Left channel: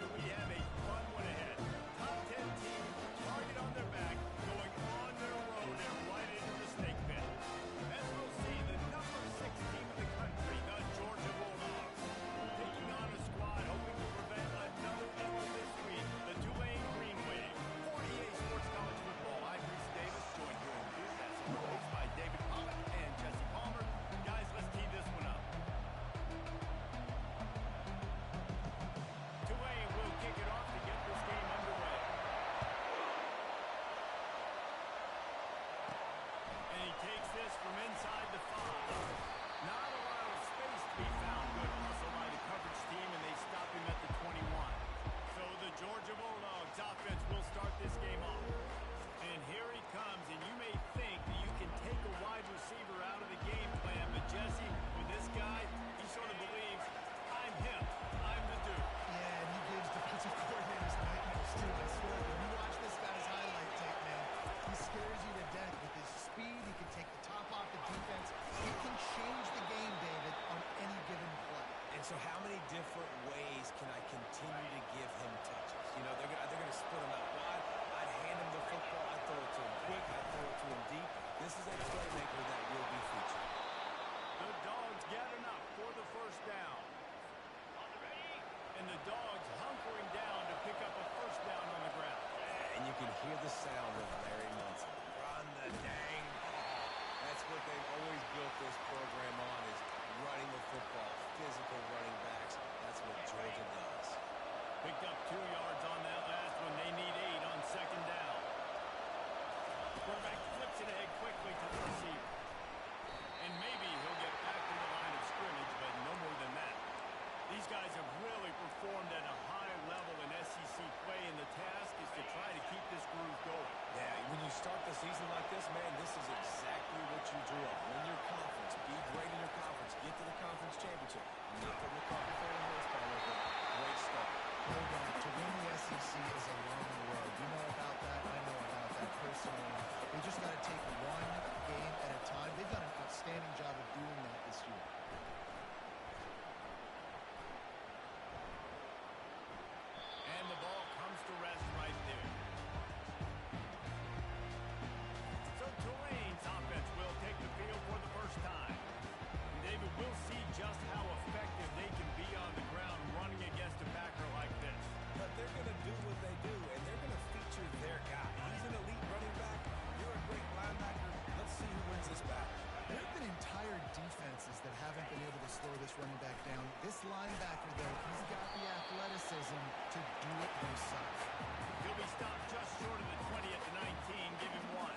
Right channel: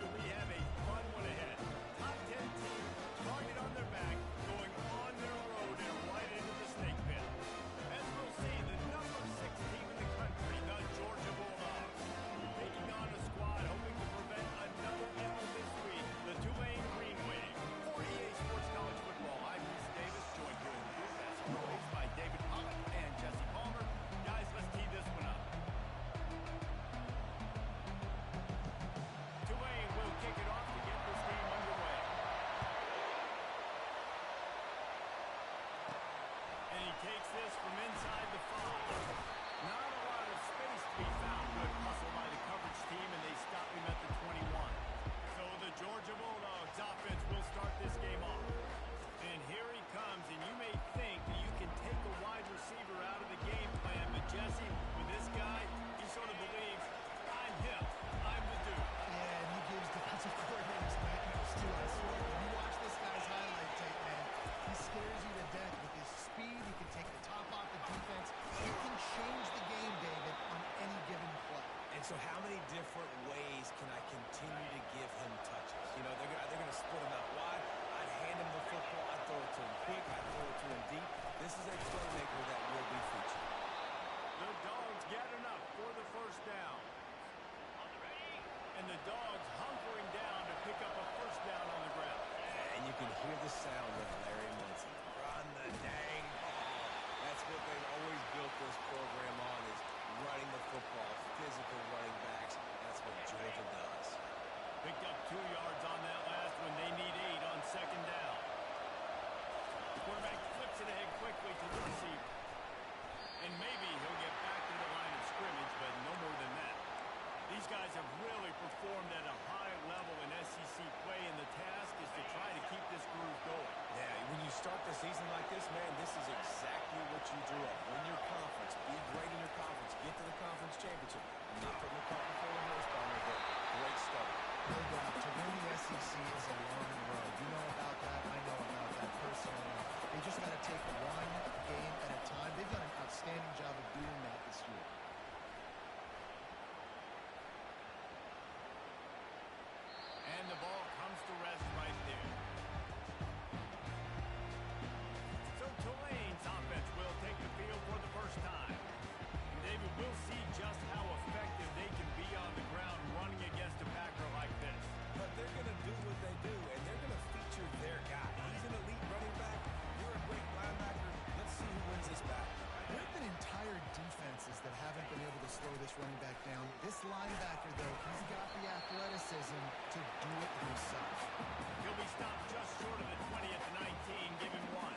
do we have a fun one ahead. Top 10 team, target on their back, going on their road and right into the snake pit. As we'll see, the number 6 team in the country, the Georgia Bulldogs, taking on a squad hoping to prevent another L this week, the Tulane Green Wave. For EA Sports College Football, I'm Reese Davis, joined here in the booth, as always, by David Pollack and Jesse Palmer. Guys, let's tee this one up. Tulane will kick it off to get this game underway. And he takes this from inside the 5. Not a lot of space to be found. Good hustle by the coverage team, and they stop him at the 21. So the Georgia Bulldogs offense will start this game off. And here he comes, and you may think that you can take a wide receiver out of the game plan, but Jesse, with this guy, he sort of believes, I'm him, I'm the dude. Yeah, and he gives defensive coordinators nightmares too, I swear. When you watch this guy's highlight tape, man, he scares you to death with his speed. He can take the top off the defense. He can change the game, David, on any given play. And so how many different ways can I continue to give him touches? You know, they're going to split him out wide. I'd hand him the football. I'd throw it to him quick. I'd throw it to him deep. This is a playmaker that will be featured. The Dogs get enough for the first down. And the Dogs hunkering down to pick up a first down on the ground. And you can hear the sound of Larry Munson. Run the dang ball. That's what they've always built this program on, is running the football, physical running backs. That's what Georgia does. Picked up 2 yards on that last one. They need 8 on second down. The quarterback flips it ahead quickly to the receiver. And maybe he'll get back to the line of scrimmage, but no more than that. These guys have really performed at a high level in SEC play, and the task is to try to keep this groove going. Yeah, when you start the season like this, man, this is exactly what you drew up. Win your conference, be great in your conference, get to the conference championship. I'm not putting the cart before the horse, but great start. No doubt. To win the SEC is a long road. You know about that. I know about that personally. They just got to take one game at a time. They've done an outstanding job of doing that this year. And the ball comes to rest right there. So Tulane's offense will take the field for the first time. And David, we'll see just how effective they can be on the ground running against a backer like this. But they're going to do what they do, and they're going to feature their guy. He's an elite running back. You're a great linebacker. Let's see who wins this battle. There have been entire defenses that haven't been able to slow this running back down. This linebacker, though, he's got the athleticism to do it himself. He'll be stopped just short of the 20 at the 19. Give him 1.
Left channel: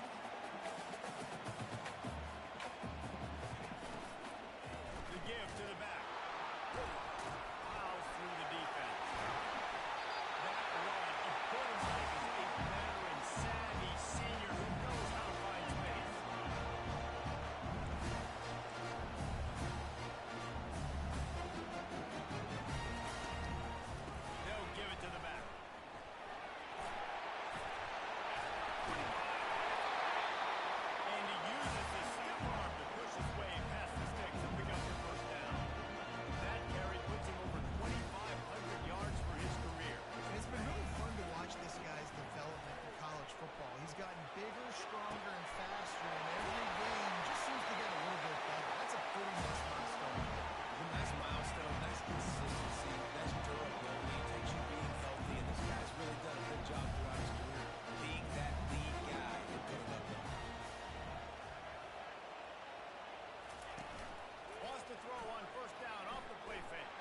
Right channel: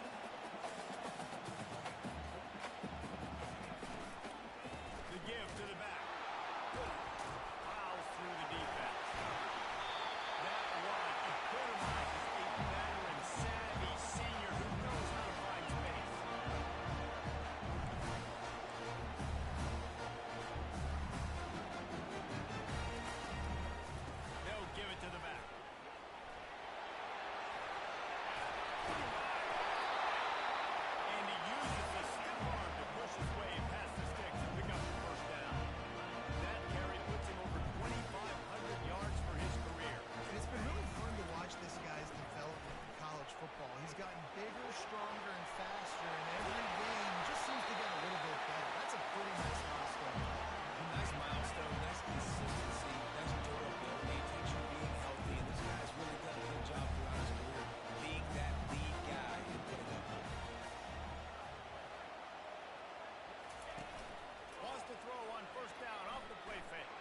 The give to the back. Fouls through the defense. That run epitomizes a veteran, savvy senior who knows how to find space. They'll give it to the back. And he uses the stiff arm to push his way past the sticks and pick up the first down. That carry puts him over 2,500 yards for his career. And it's been really fun to watch this guy's development in college football. He's gotten bigger, stronger, and faster, and every game just seems to get a little bit better. That's a pretty nice milestone. A nice milestone, nice consistency, nice durability. It takes you being healthy, and this guy's really done a good job throughout his career being that lead guy and putting up numbers. Wants to throw on first down off the play fake.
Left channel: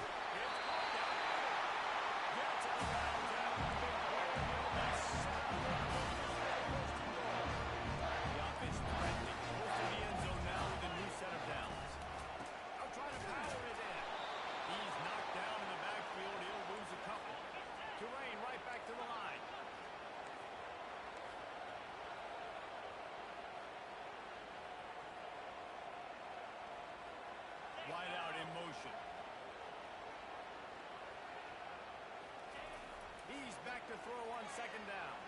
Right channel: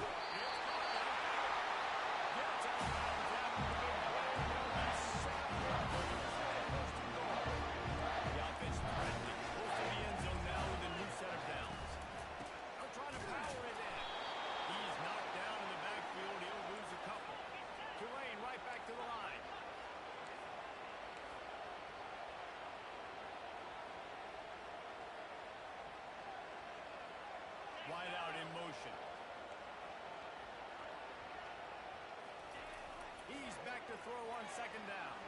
It's caught downfield. Gets out of bounds after the big play, and they'll be set up in business for the first and goal. The offense threatening. Close to the end zone now with a new set of downs. They'll try to power it in. He's knocked down in the backfield. He'll lose a couple. Tulane right back to the line. Wide out in motion. He's back to throw on second down.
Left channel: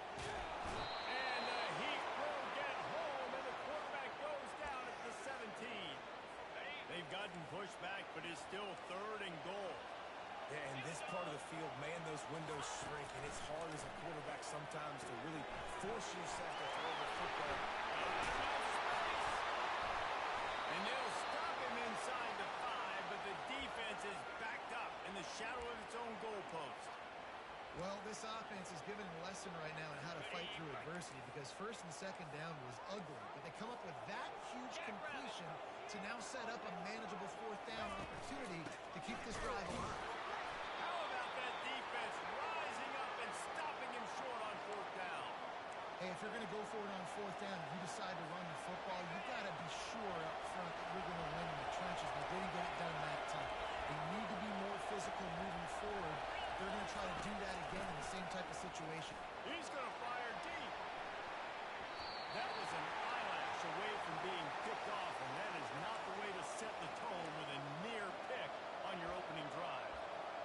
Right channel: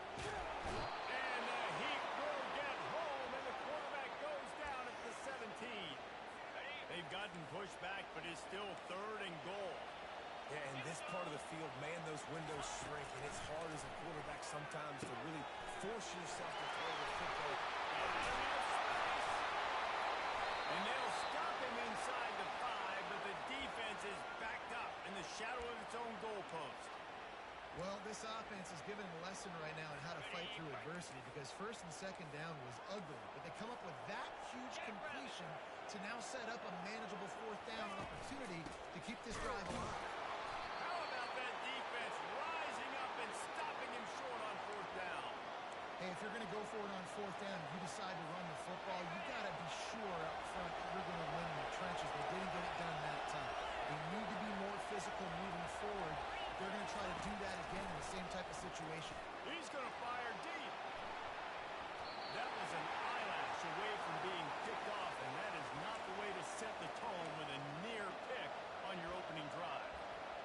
And the Heat will get home, and the quarterback goes down at the 17. They've gotten pushed back, but it's still 3rd and goal. Yeah, in this part of the field, man, those windows shrink, and it's hard as a quarterback sometimes to really force yourself to throw the football. Enough space. And they'll stop him inside the 5, but the defense is backed up in the shadow of its own goalpost. Well, this offense is given a lesson right now on how to fight through adversity because first and second down was ugly, but they come up with that huge completion to now set up a manageable fourth down opportunity to keep this drive alive. How about that defense rising up and stopping him short on fourth down? Hey, if you're going to go for it on fourth down and you decide to run the football, you've got to be sure up front that you're going to win in the trenches. They didn't get it done that time. They need to be more physical moving forward. They're going to try to do that again in the same type of situation. He's going to fire deep. That was an eyelash away from being picked off, and that is not the way to set the tone with a near pick on your opening drive.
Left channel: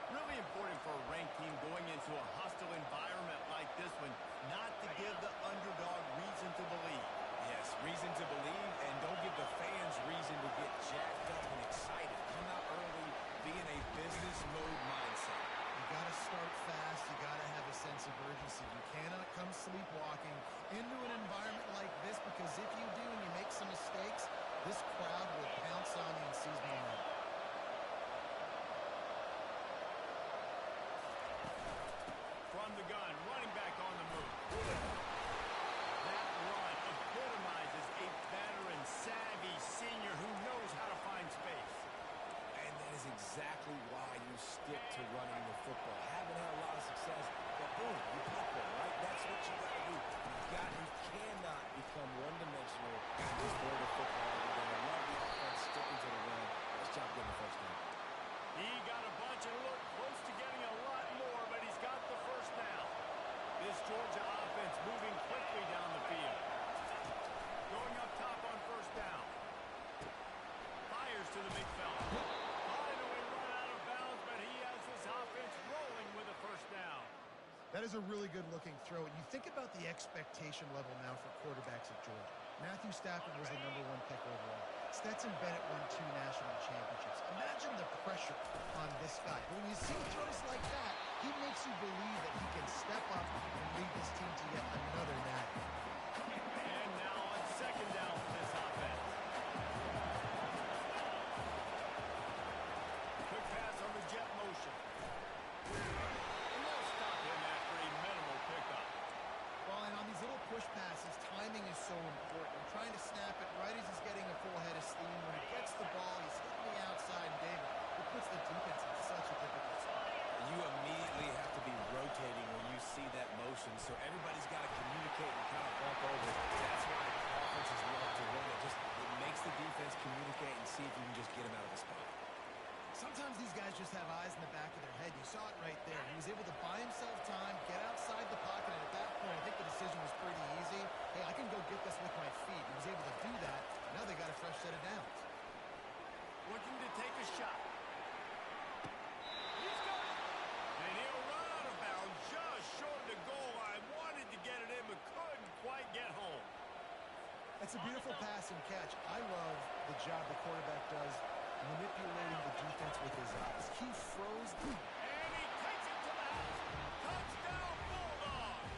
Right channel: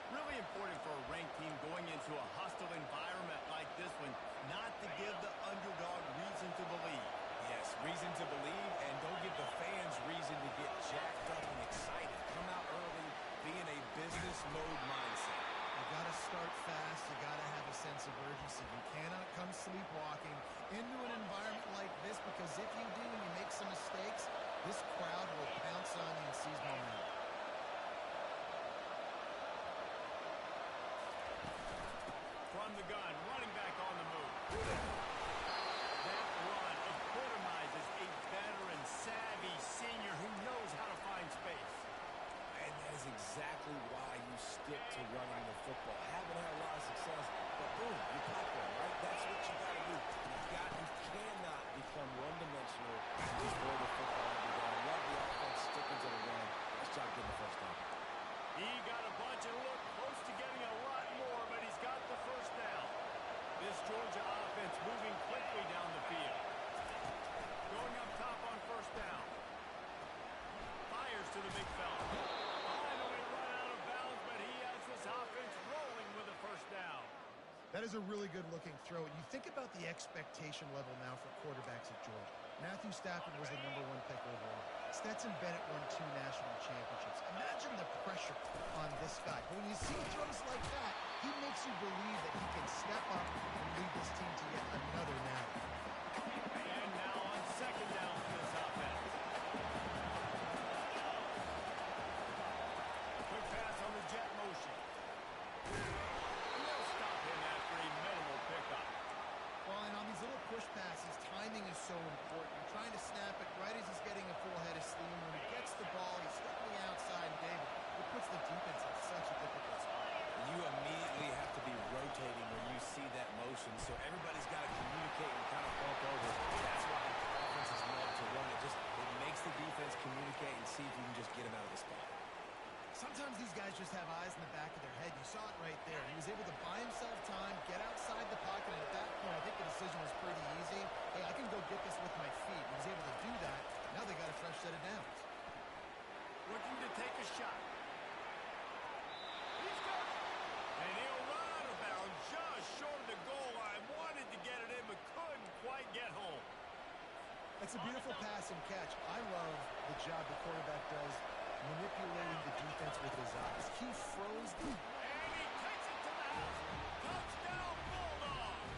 Really important for a ranked team going into a hostile environment like this one, not to give the underdog reason to believe. Yes, reason to believe, and don't give the fans reason to get jacked up and excited. Come out early, be in a business mode mindset. You got to start fast. You got to have a sense of urgency. You cannot come sleepwalking into an environment like this because if you do and you make some mistakes, this crowd will pounce on you and seize momentum. From the gun, running back on the move. That run epitomizes a veteran, savvy senior who knows how to find space. And that is exactly why you stick to running the football. Haven't had a lot of success, but boom, you pop one, right? That's what you got to do. You cannot become one-dimensional and just throw the football every down. Love the offense sticking to the run. Nice job getting the first down. He got a bunch and looked close to getting a lot more, but he's got the first down. This Georgia offense moving quickly down the field. Going up top on first down. Fires to the big fella. Finally run out of bounds, but he has this offense rolling with a first down. That is a really good-looking throw. And you think about the expectation level now for quarterbacks at Georgia. Matthew Stafford was the #1 pick overall. Stetson Bennett won 2 national championships. Imagine the pressure on this guy. But when you see throws like that, he makes you believe that he can step up and lead this team to yet another natty. And now on second down for this offense. Quick pass on the jet motion. And they'll stop him after a minimal pickup. Well, and on these little push passes, timing is so important. You're trying to snap it right as he's getting a full head of steam. When he gets the ball, he's hitting the outside, and David, it puts the defense in such a difficult spot. You immediately have to be rotating when you see that motion, so everybody's got to communicate and kind of bump over. That's why offenses love to run it. It makes the defense communicate and see if you can just get him out of the spot. Sometimes these guys just have eyes in the back of their head. You saw it right there. He was able to buy himself time, get outside the pocket, and at that point, I think the decision was pretty easy. Hey, I can go get this with my feet. He was able to do that. Now they got a fresh set of downs. Looking to take a shot. He's got it. And he'll run out of bounds just short of the goal line. Wanted to get it in, but couldn't quite get home. That's a beautiful pass and catch. I love the job the quarterback does manipulating the defense with his eyes. He froze the... And he takes it to the house. Touchdown, Bulldogs.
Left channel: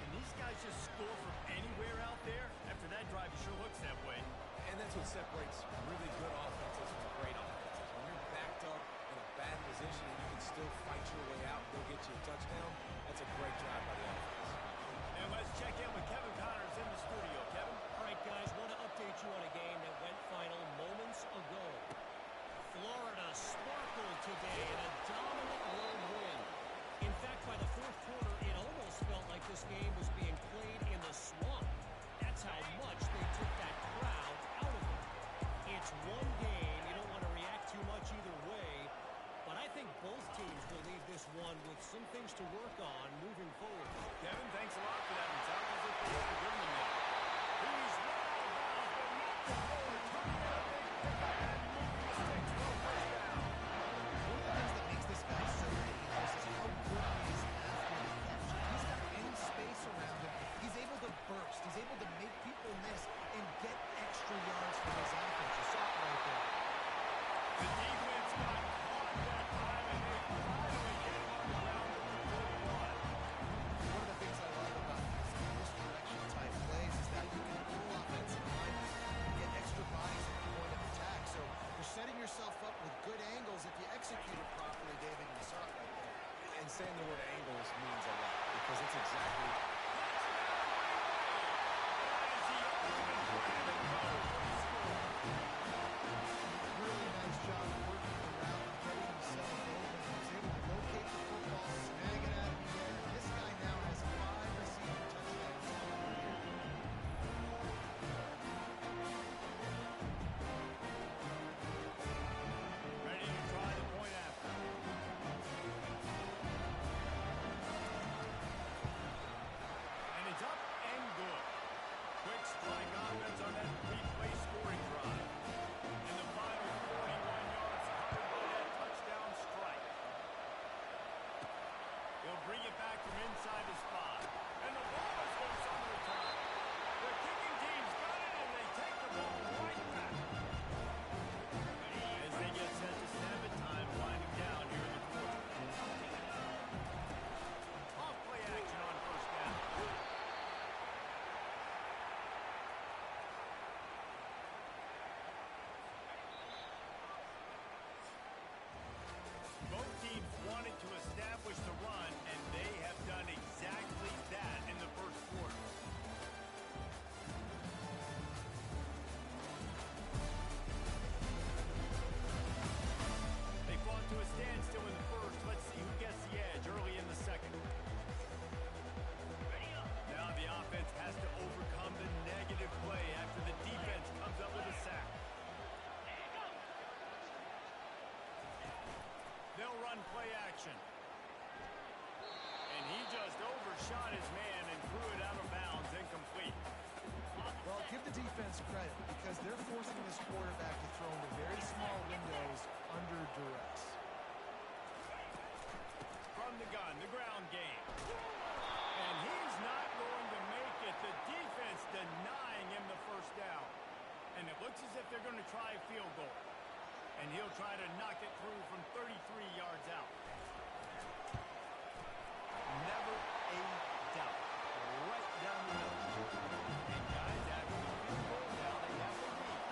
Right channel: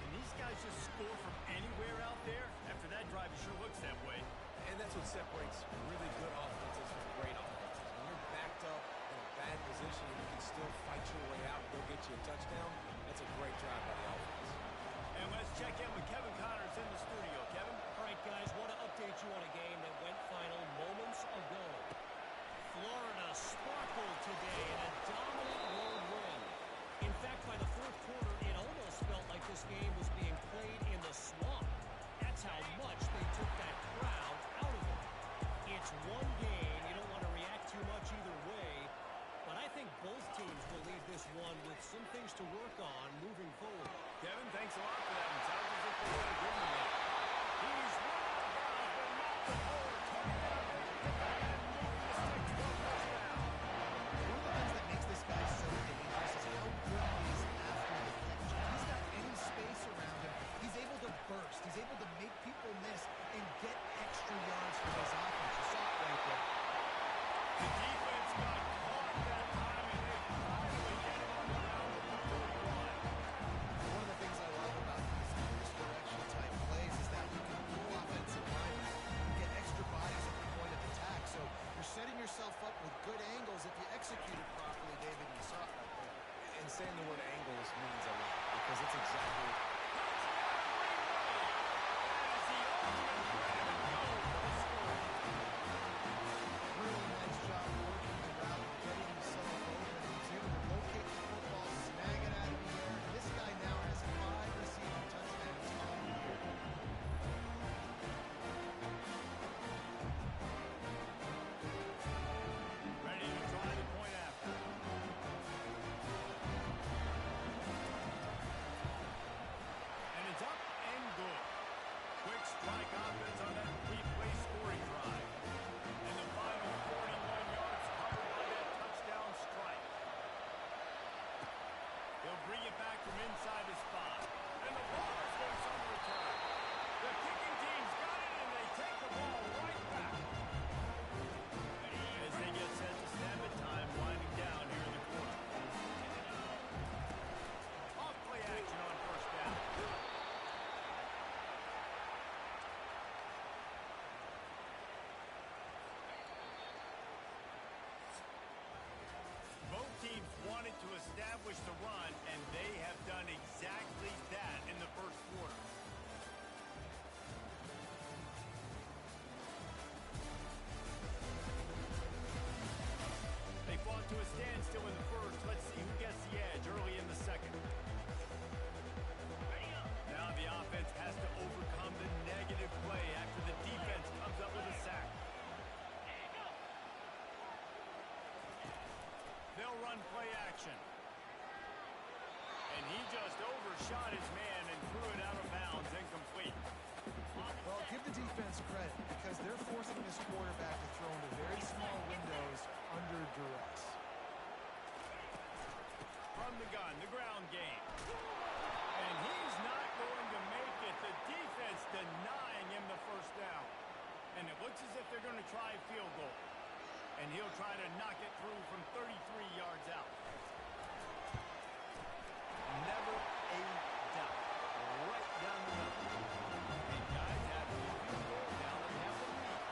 Can these guys just score from anywhere out there? After that drive, it sure looks that way. And that's what separates really good offenses from great offenses. When you're backed up in a bad position and you can still fight your way out and go get you a touchdown, that's a great drive by the offense. And let's check in with Kevin Connors in the studio. Kevin? All right, guys, want to update you on a game that went final moments ago. Florida sparkled today in a dominant road win. In fact, by the fourth quarter, it almost felt like this game was being played in the swamp. That's how much they took that crowd out of it. It's one game. You don't want to react too much either way. But I think both teams will leave this one with some things to work on moving forward. Kevin, thanks a lot for that one. Sounds as if they had a good one there. He's run out of bounds, but not before turning in a big pickup and moving the sticks for a first down. One of the things that makes this guy so dangerous is how good he is after the catch. If he's got any space around him, he's able to burst. He's able to make people miss and get extra yards for his offense. You saw it right there. The defense got caught that yourself up with good angles if you execute it properly, David. You saw it right there. And saying the word angles means a lot because it's exactly... Touchdown, Green Bay! That is the ultimate grab and go for the score. Really nice job working the route and getting himself open. He was able to locate the football, snag it out of the air. And this guy now has 5 receiving touchdowns on the year. Ready to try the point after. And it's up and good. Quick strike offense on that three-play scoring drive. And the final 41 yards covered by that touchdown strike. He'll bring it back from inside his 5. And the ball is loose on the return. The kicking team's got it, and they take the ball right back. As they get set to snap it, time winding down here in the quarter. Off play action on first down. Both teams wanted to establish the run, and they have done exactly that in the first quarter. They fought to a standstill in the first. Let's see who gets the edge early in the second. Now the offense has to overcome the negative play after the defense comes up with a sack. They'll run play action. And he just overshot his man and threw it out of bounds, incomplete. Well, give the defense credit because they're forcing this quarterback to throw into very small windows under duress. From the gun, the ground game. And he's not going to make it. The defense denying him the first down. And it looks as if they're going to try a field goal. And he'll try to knock it through from 33 yards out. Never a doubt. Right down the middle. And guys, after the field goal, now they have the lead.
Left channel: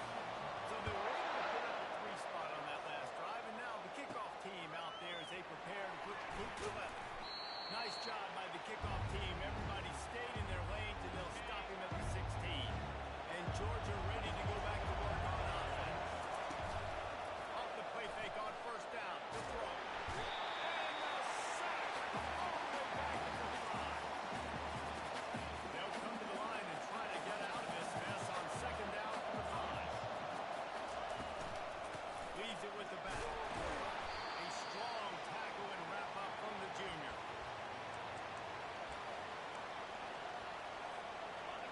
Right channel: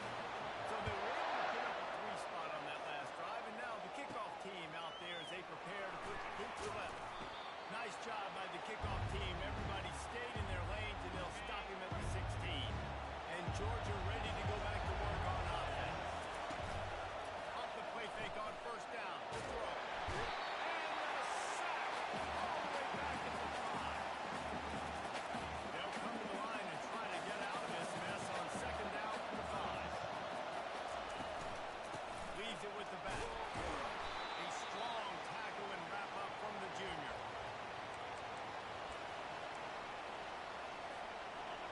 So they were able to get up a 3 spot on that last drive, and now the kickoff team out there as they prepare to put the boot to 11. Nice job by the kickoff team. Everybody stayed in their lanes, and they'll stop him at the 16. And Georgia ready to go back to work on offense. Off the play fake on first down. To throw. And the sack. All the way back at the 5. They'll come to the line and try to get out of this mess on second down for the 5. Leaves it with the back. A strong tackle and wrap up from the junior.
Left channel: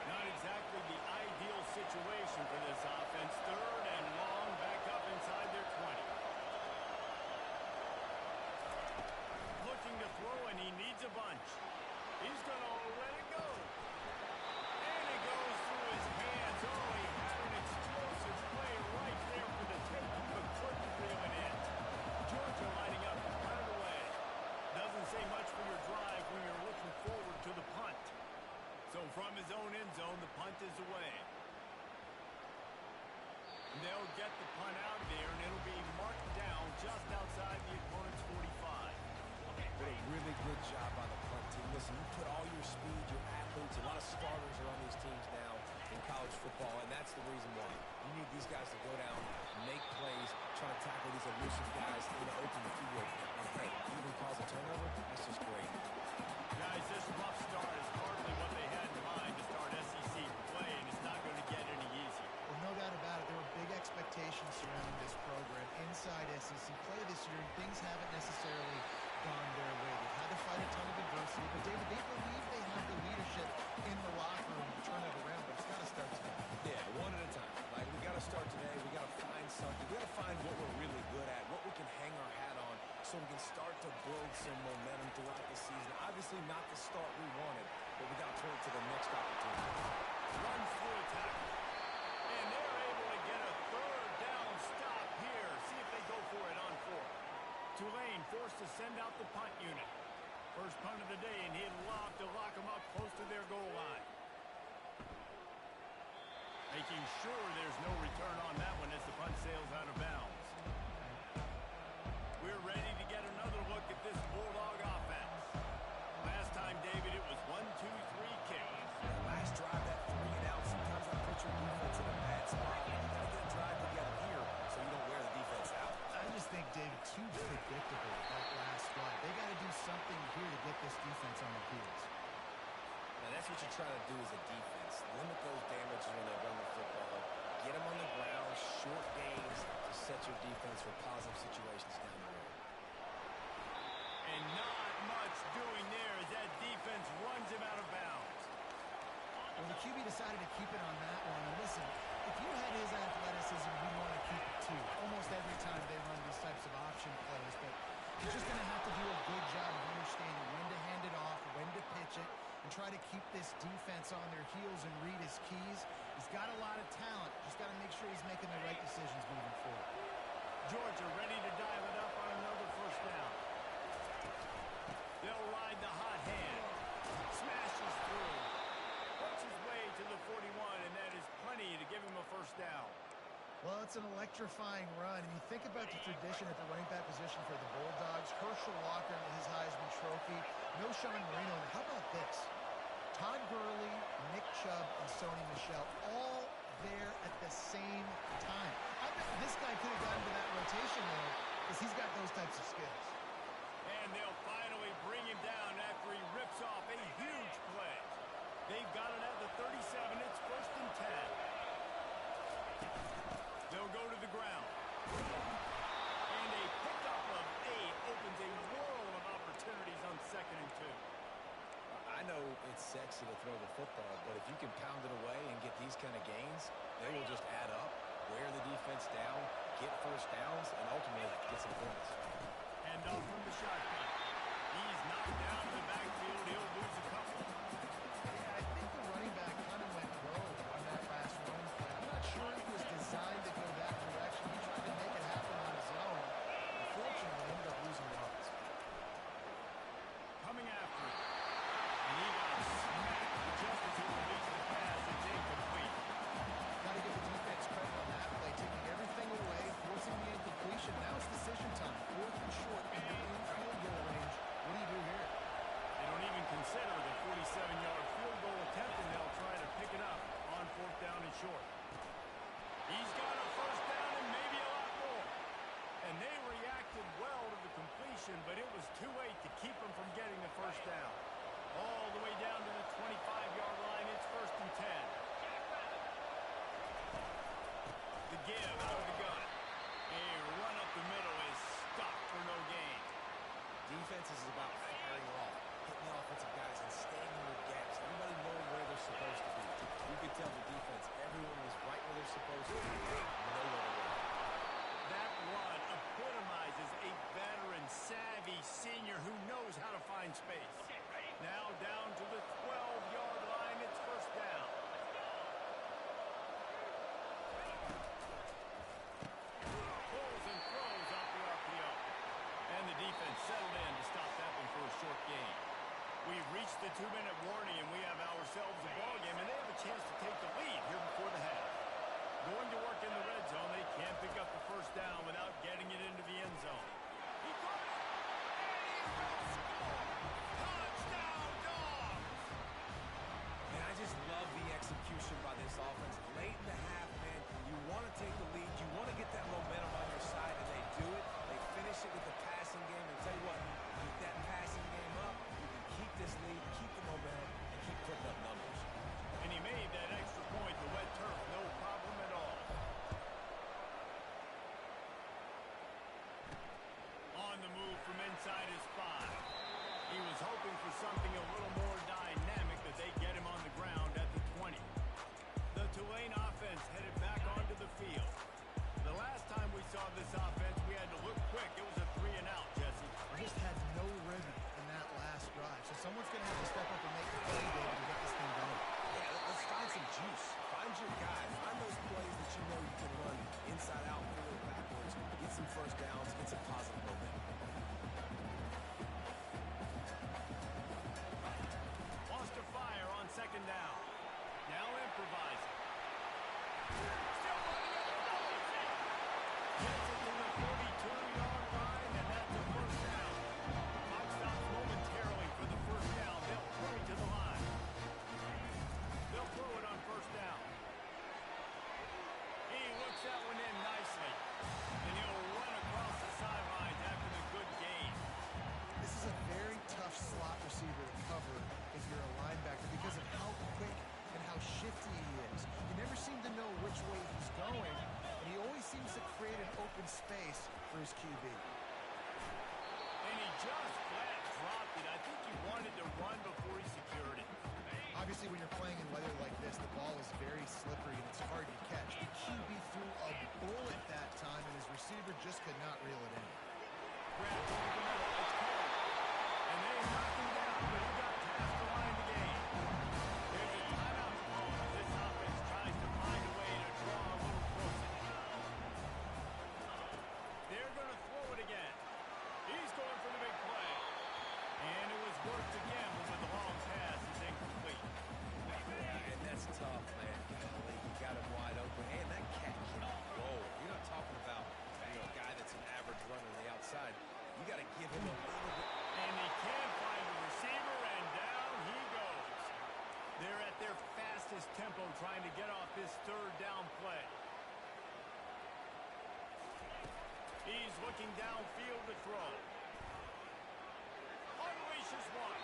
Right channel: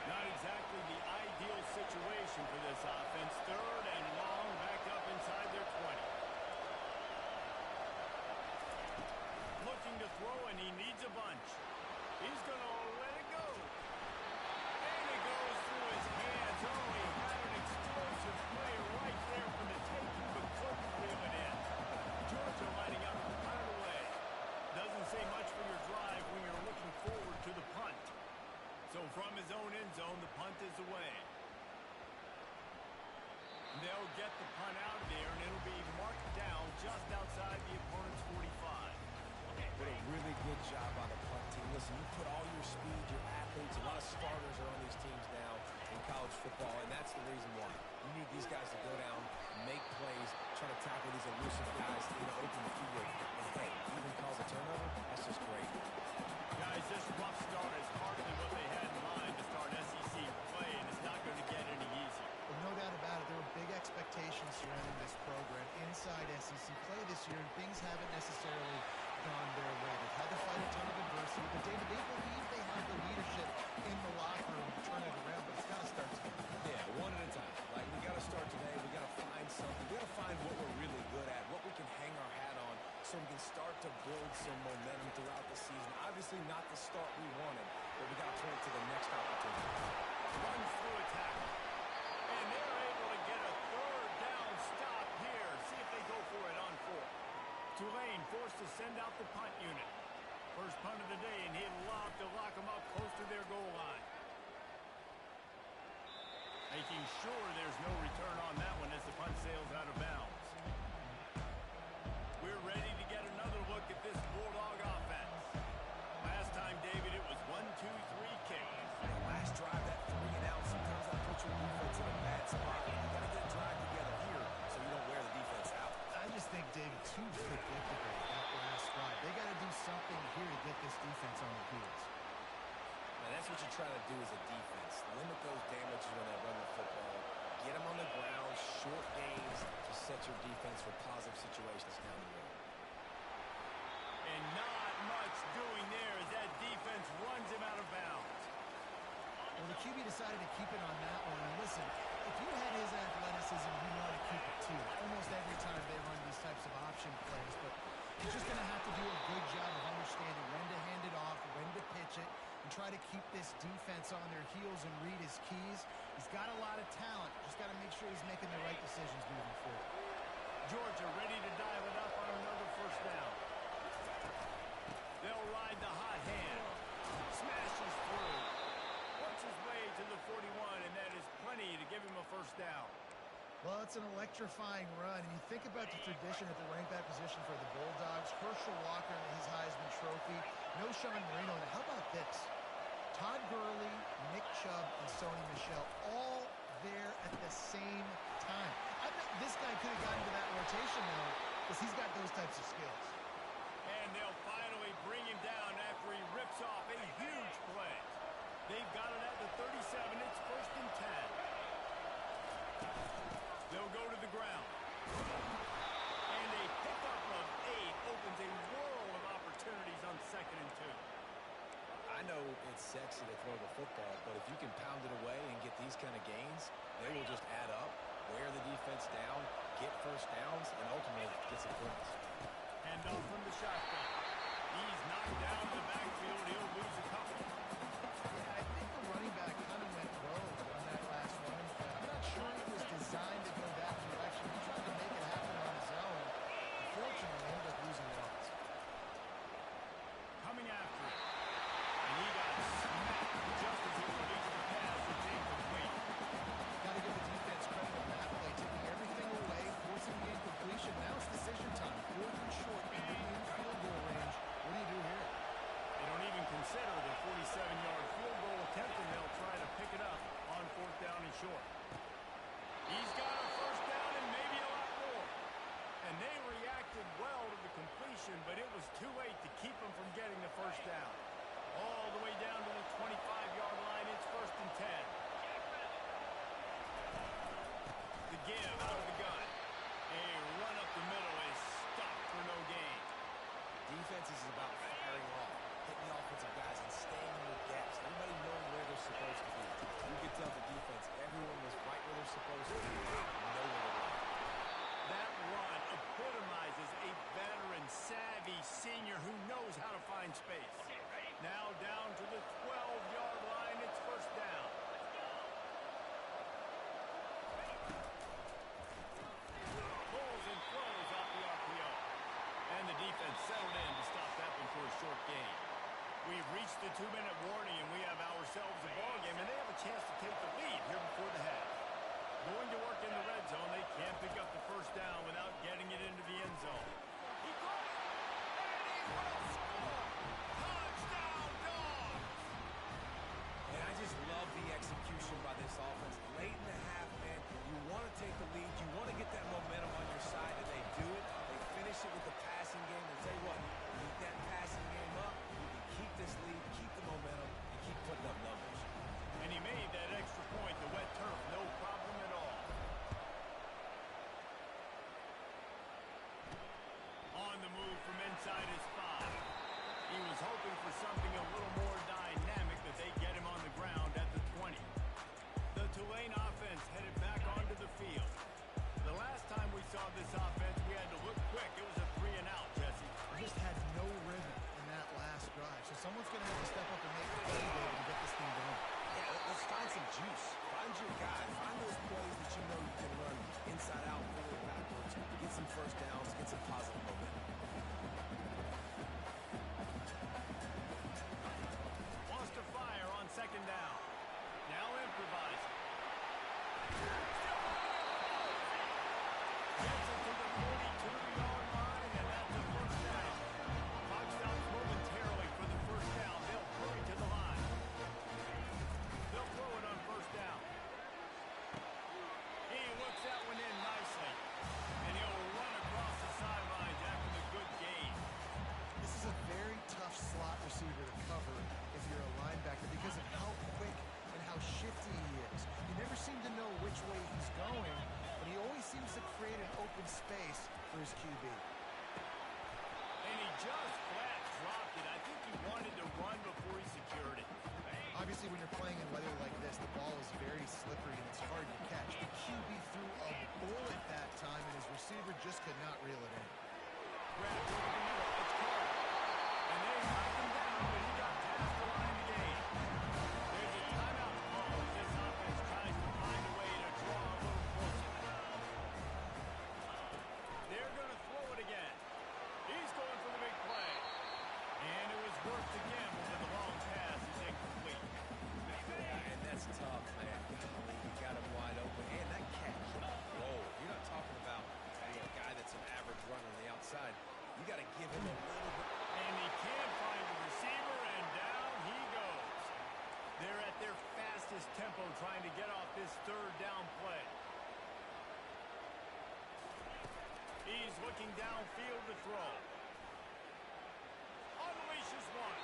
Not exactly the ideal situation for this offense. Third and long, back up inside their 20. Looking to throw, and he needs a bunch. He's going to let it go. And it goes through his hands. Oh, he had an explosive play right there for the taking, but couldn't reel it in. Georgia lining up, punt it away. Doesn't say much for your drive when you're looking forward to the punt. So from his own end zone, the punt is away. They'll get the punt out of there, and it'll be marked down just outside the opponent's 45. But a really good job by the punt team. Listen, you put all your speed, your athletes, a lot of starters are on these teams now in college football, and that's the reason why. You need these guys to go down, make plays, try to tackle these elusive guys in the open field. And hey, even cause a turnover, that's just great. Guys, this rough start is hardly what they had in mind to start SEC play, and it's not going to get any easier. Well, no doubt about it. There were big expectations surrounding this program inside SEC play this year, and things haven't necessarily gone their way. They've had to fight a ton of adversity, but David, they believe they have the leadership in the locker room to turn it around, but it's got to start today. Yeah, one at a time. Like, we got to start today. We got to find something. We got to find what we're really good at, what we can hang our hat on, so we can start to build some momentum throughout the season. Obviously not the start we wanted, but we got to point to the next opportunity. Runs through a tackle. And they're able to get a third down stop here. See if they go for it on 4. Tulane forced to send out the punt unit. First punt of the day, and he'd lob to lock them up close to their goal line. Making sure there's no return on that one as the punt sails out of bounds. We're ready to get another look at this Bulldog offense. Last time, David, it was 1-2-3 kick. Last drive, that 3 and out, sometimes that puts your defense in a bad spot. You got to get a drive together here so you don't wear the defense out. I just think, David, too predictable that last drive. They got to do something here to get this defense on their heels. Now, that's what you're trying to do as a defense. Limit those damages when they run the football. Get them on the ground, short gains to set your defense for positive situations down the road. And not much doing there as that defense runs him out of bounds. Well, the QB decided to keep it on that one. And listen, if you had his athleticism, you'd want to keep it too. Almost every time they run these types of option plays. But he's just going to have to do a good job of understanding when to hand it off, when to pitch it, and try to keep this defense on their heels and read his keys. He's got a lot of talent. Just got to make sure he's making the right decisions moving forward. Georgia ready to dial it up on another first down. They'll ride the hot hand. Smashes through. Works his way to the 41, and that is plenty to give him a first down. Well, it's an electrifying run. And you think about the tradition at the running back position for the Bulldogs. Herschel Walker and his Heisman Trophy. No Sean Marino. And how about this? Todd Gurley, Nick Chubb, and Sony Michel all there at the same time. I bet this guy could have gotten to that rotation, though, because he's got those types of skills. And they'll finally bring him down after he rips off a huge play. They've got it at the 37. It's 1st and 10. They'll go to the ground. And a pickup of 8 opens a world of opportunities on 2nd and 2. I know it's sexy to throw the football, but if you can pound it away and get these kind of gains, they will just add up, wear the defense down, get first downs, and ultimately get some points. Hand off from the shotgun. He's knocked down in the backfield. He'll lose a couple. Yeah, I think the running back kind of went rogue on that last running play. I'm not sure he was designed to go that direction. He tried to make it happen on his own. Unfortunately, ended up losing yards. Coming after it. And he got smacked just as he released the pass. It's incomplete. Got to give the defense credit on that play, taking everything away, forcing the incompletion. Now it's decision time. 4th and short in the field goal range. What do you do here? They don't even consider the 47-yard field goal attempt, and they'll try to pick it up on 4th down and short. He's got a first down and maybe a lot more. And they reacted well to the completion, but it was too late to keep them from getting the first down. All the way down to the 25-yard line. It's 1st and 10. The give out of the gun. A run up the middle is stopped for no gain. Defense is about firing off, hitting the offensive guys, and staying in their gaps. Everybody knowing where they're supposed to be. You could tell the defense, everyone was right where they're supposed to be, nowhere to run. That run epitomizes a veteran, savvy senior who knows how to find space. Now down to the 12-yard line. It's first down. Pulls and throws off the RPO. And the defense settled in to stop that one for a short gain. We've reached the 2-minute warning, and we have ourselves a ball game, and they have a chance to take the lead here before the half. Going to work in the red zone. They can't pick up the first down without getting it into the end zone. He caught it, and he will score. Touchdown, Dogs! And I just love the execution by this offense. Late in the half, man, you want to take the lead. You want to get that momentum on your side, and they do it. They finish it with the passing game. And tell you what, keep that passing game up. You can keep this lead, keep the momentum, and keep putting up numbers. And he made that extra point, the wet turf, no problem at all. On the move from inside his 5. He was hoping for something a little more dynamic, that they get him on the ground at the 20. The Tulane offense headed back onto the field. The last time we saw this offense, we had to look quick. It was a 3-and-out, Jesse. They just had no rhythm in that last drive. So someone's going to have to step up and make the play, David, and get this thing going. Yeah, let's find some juice. Find your guy. Find those plays that you know you can run inside out, forward, backwards. Get some first downs. Get some positive momentum. Wants to fire on 2nd down. Now improvising. Still running it. Gets it to the 42-yard line, and that you're a linebacker because of how quick and how shifty he is. You never seem to know which way he's going, and he always seems to create an open space for his QB. And he just flat dropped it. I think he wanted to run before he secured it. Obviously, when you're playing in weather like this, the ball is very slippery and it's hard to catch. The QB threw a bullet that time, and his receiver just could not reel it in. Grabbed over the middle. It's caught. And they knocked him down, but he got past the line to gain. There's a timeout call as this offense tries to find a way to draw a little closer. They're going to throw it again. He's going for the big play. And it was worth the gamble, but the long pass is incomplete. Yeah, and that's tough, man. Golly, you got him wide open. And that cat can roll. You're not talking about a guy that's an average runner on the outside. You got to give him a little bit. And he can't find a receiver, and down he goes. They're at their fastest tempo trying to get off this third down play. He's looking downfield to throw. Unleashes one.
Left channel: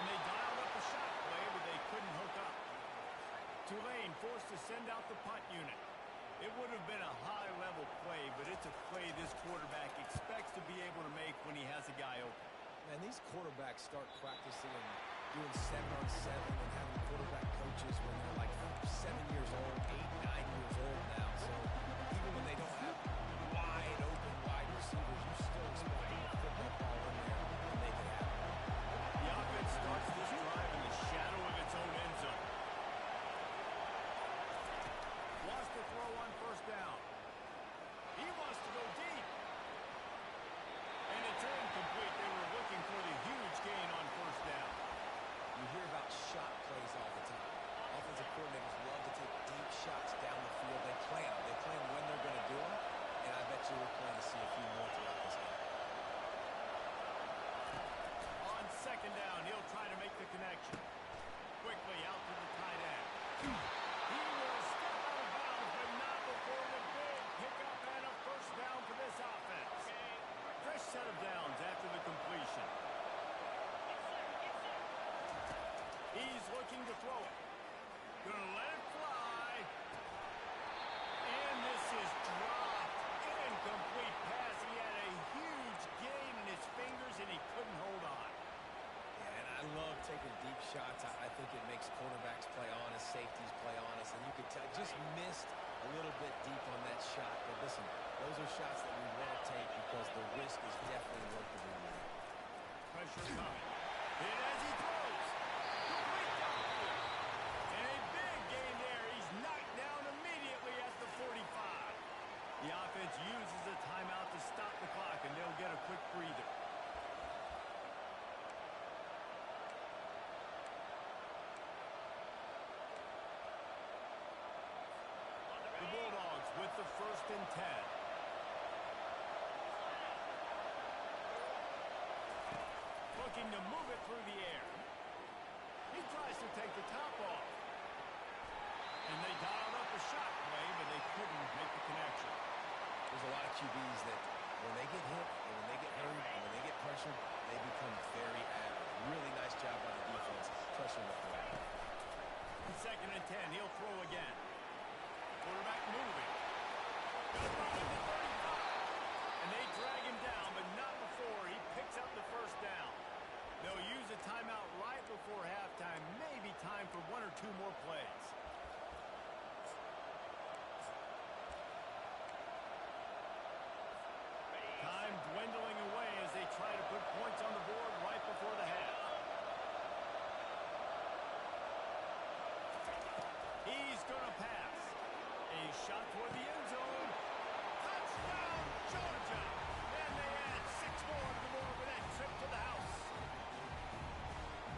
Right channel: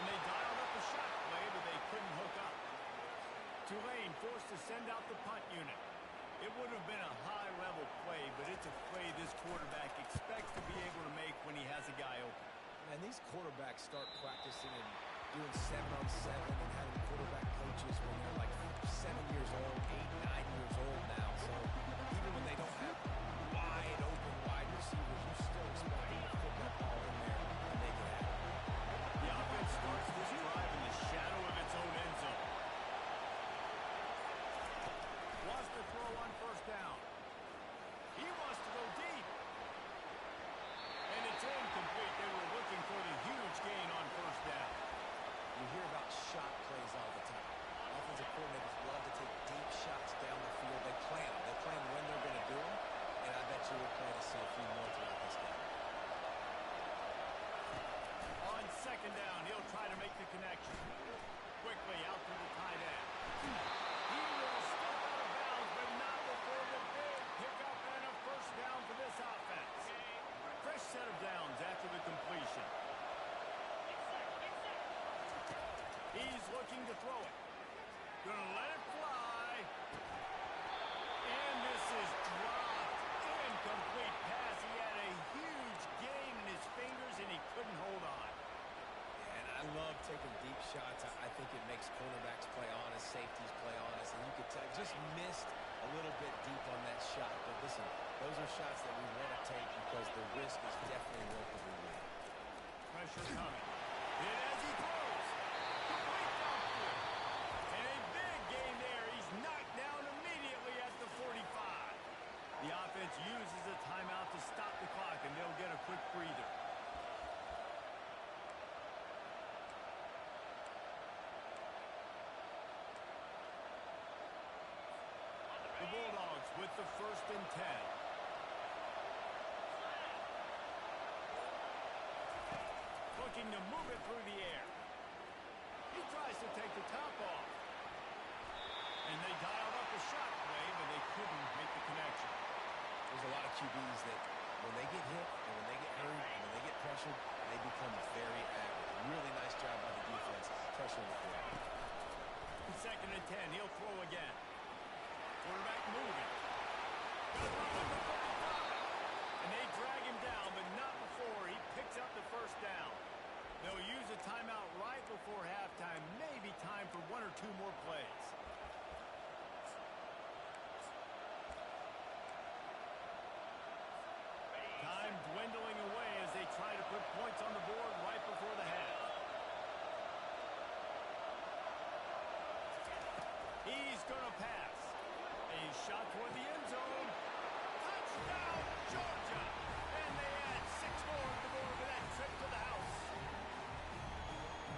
And they dialed up a shot play, but they couldn't hook up. Tulane forced to send out the punt unit. It would have been a high-level play, but it's a play this quarterback expects to be able to make when he has a guy open. Man, these quarterbacks start practicing and doing 7-on-7 and having quarterback coaches when they're like 7 years old, 8, 9 years old now. So even when they don't have wide receivers, you still expect them to put that ball in there and make it happen. The offense starts this drive in the shadow of its own end zone. Wants to throw on first down. He wants to go deep. And it's incomplete. They were looking for the huge gain on first down. You hear about shot plays all the time. Offensive coordinators love to take deep shots down the field. They plan them. They plan when they're going to do them. And I bet you we're planning to see a few more throughout this game. On second down, he'll try to make the connection. Quickly out to the tight end. He will step out of bounds, but not before the big pickup and a first down for this offense. Fresh set of downs after the completion. He's looking to throw it. Gonna let it fly. And this is dropped. Incomplete pass. He had a huge gain in his fingers, and he couldn't hold on. Yeah, and I love taking deep shots. I think it makes cornerbacks play honest, safeties play honest, and you could tell just missed a little bit deep on that shot. But listen, those are shots that we want to take because the risk is definitely worth the reward. Pressure coming. Hit as he throws. Complete downfield. And a big gain there. He's knocked down immediately at the 45. The offense uses a timeout to stop the clock, and they'll get a quick breather. The Bulldogs with the 1st and 10. Looking to move it through the air. He tries to take the top off. And they dialed up a shot play, but they couldn't make the connection. There's a lot of QBs that when they get hit and when they get hurt and when they get pressured, they become very average. Really nice job by the defense pressuring the quarterback. 2nd and 10, he'll throw again. Quarterback moving. Got run with the 35. And they drag him down, but not before he picks up the first down. They'll use a timeout right before halftime. Maybe time for 1 or 2 more plays. Time dwindling away as they try to put points on the board right before the half. He's going to pass. A shot toward the end zone. Touchdown, Georgia! And they add 6 more to the board with that trip to the house.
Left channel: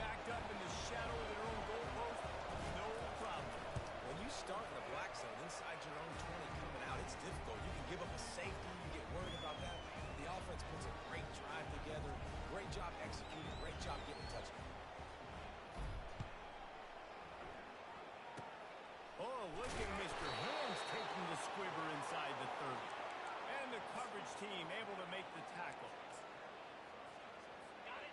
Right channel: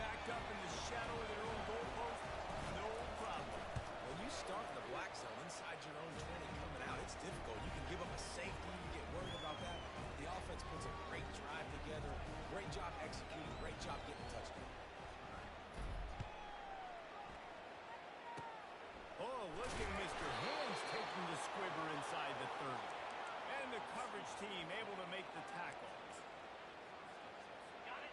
Backed up in the shadow of their own goalpost, no problem. When you start in the black zone inside your own 20 coming out, it's difficult. You can give up a safety. You get worried about that. The offense puts a great drive together. Great job executing. Great job getting a touchdown. Oh, look at Mr. Hands taking the squibber inside the 30. And the coverage team able to make the tackle.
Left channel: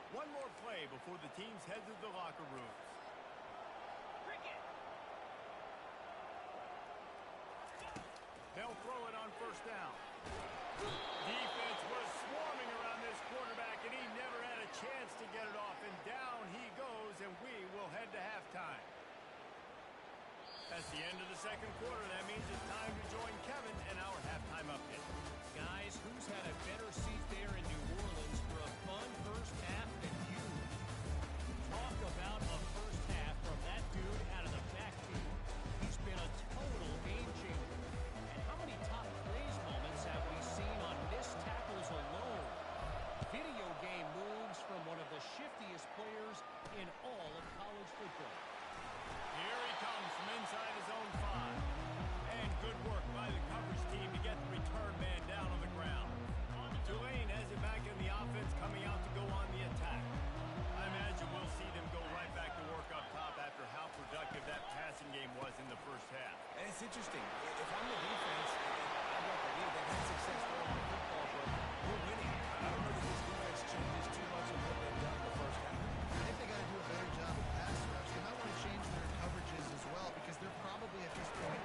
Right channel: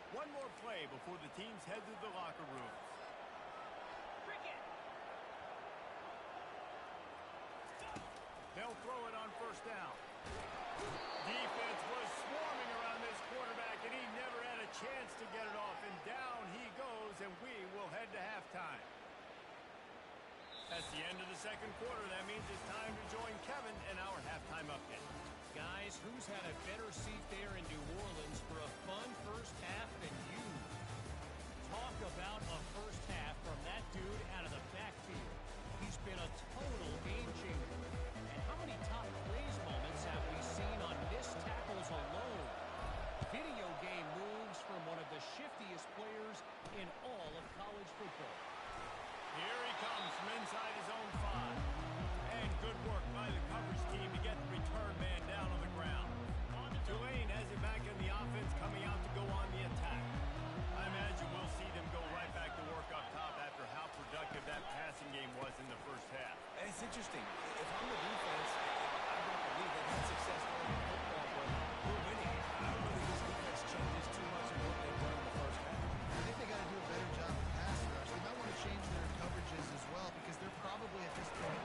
1 One more play before the teams head to the locker rooms. Cricket. They'll throw it on first down. Defense was swarming around this quarterback, and he never had a chance to get it off. And down he goes, and we will head to halftime. That's the end of the second quarter. That means it's time to join Kevin in our halftime update. Guys, who's had a better seat there in New Orleans for a fun first half than you? Talk about a first half from that dude out of the backfield. He's been a total game changer. And how many top plays moments have we seen on missed tackles alone? Video game moves from one of the shiftiest players in all of college football. Here he comes from inside his own 5. And good work by the coverage team to get the return man down on the ground. Tulane has it back in the offense, coming out to go on the attack. I imagine we'll see them go right back to work up top after how productive that passing game was in the first half. And it's interesting. If I'm the defense and I've got the lead, they've had success throwing the football, but we're winning. I don't know that this defense changes too much of what they've done in the first half. I think they got to do a better job with pass rush. They might want to change their coverages as well, because they're probably at this point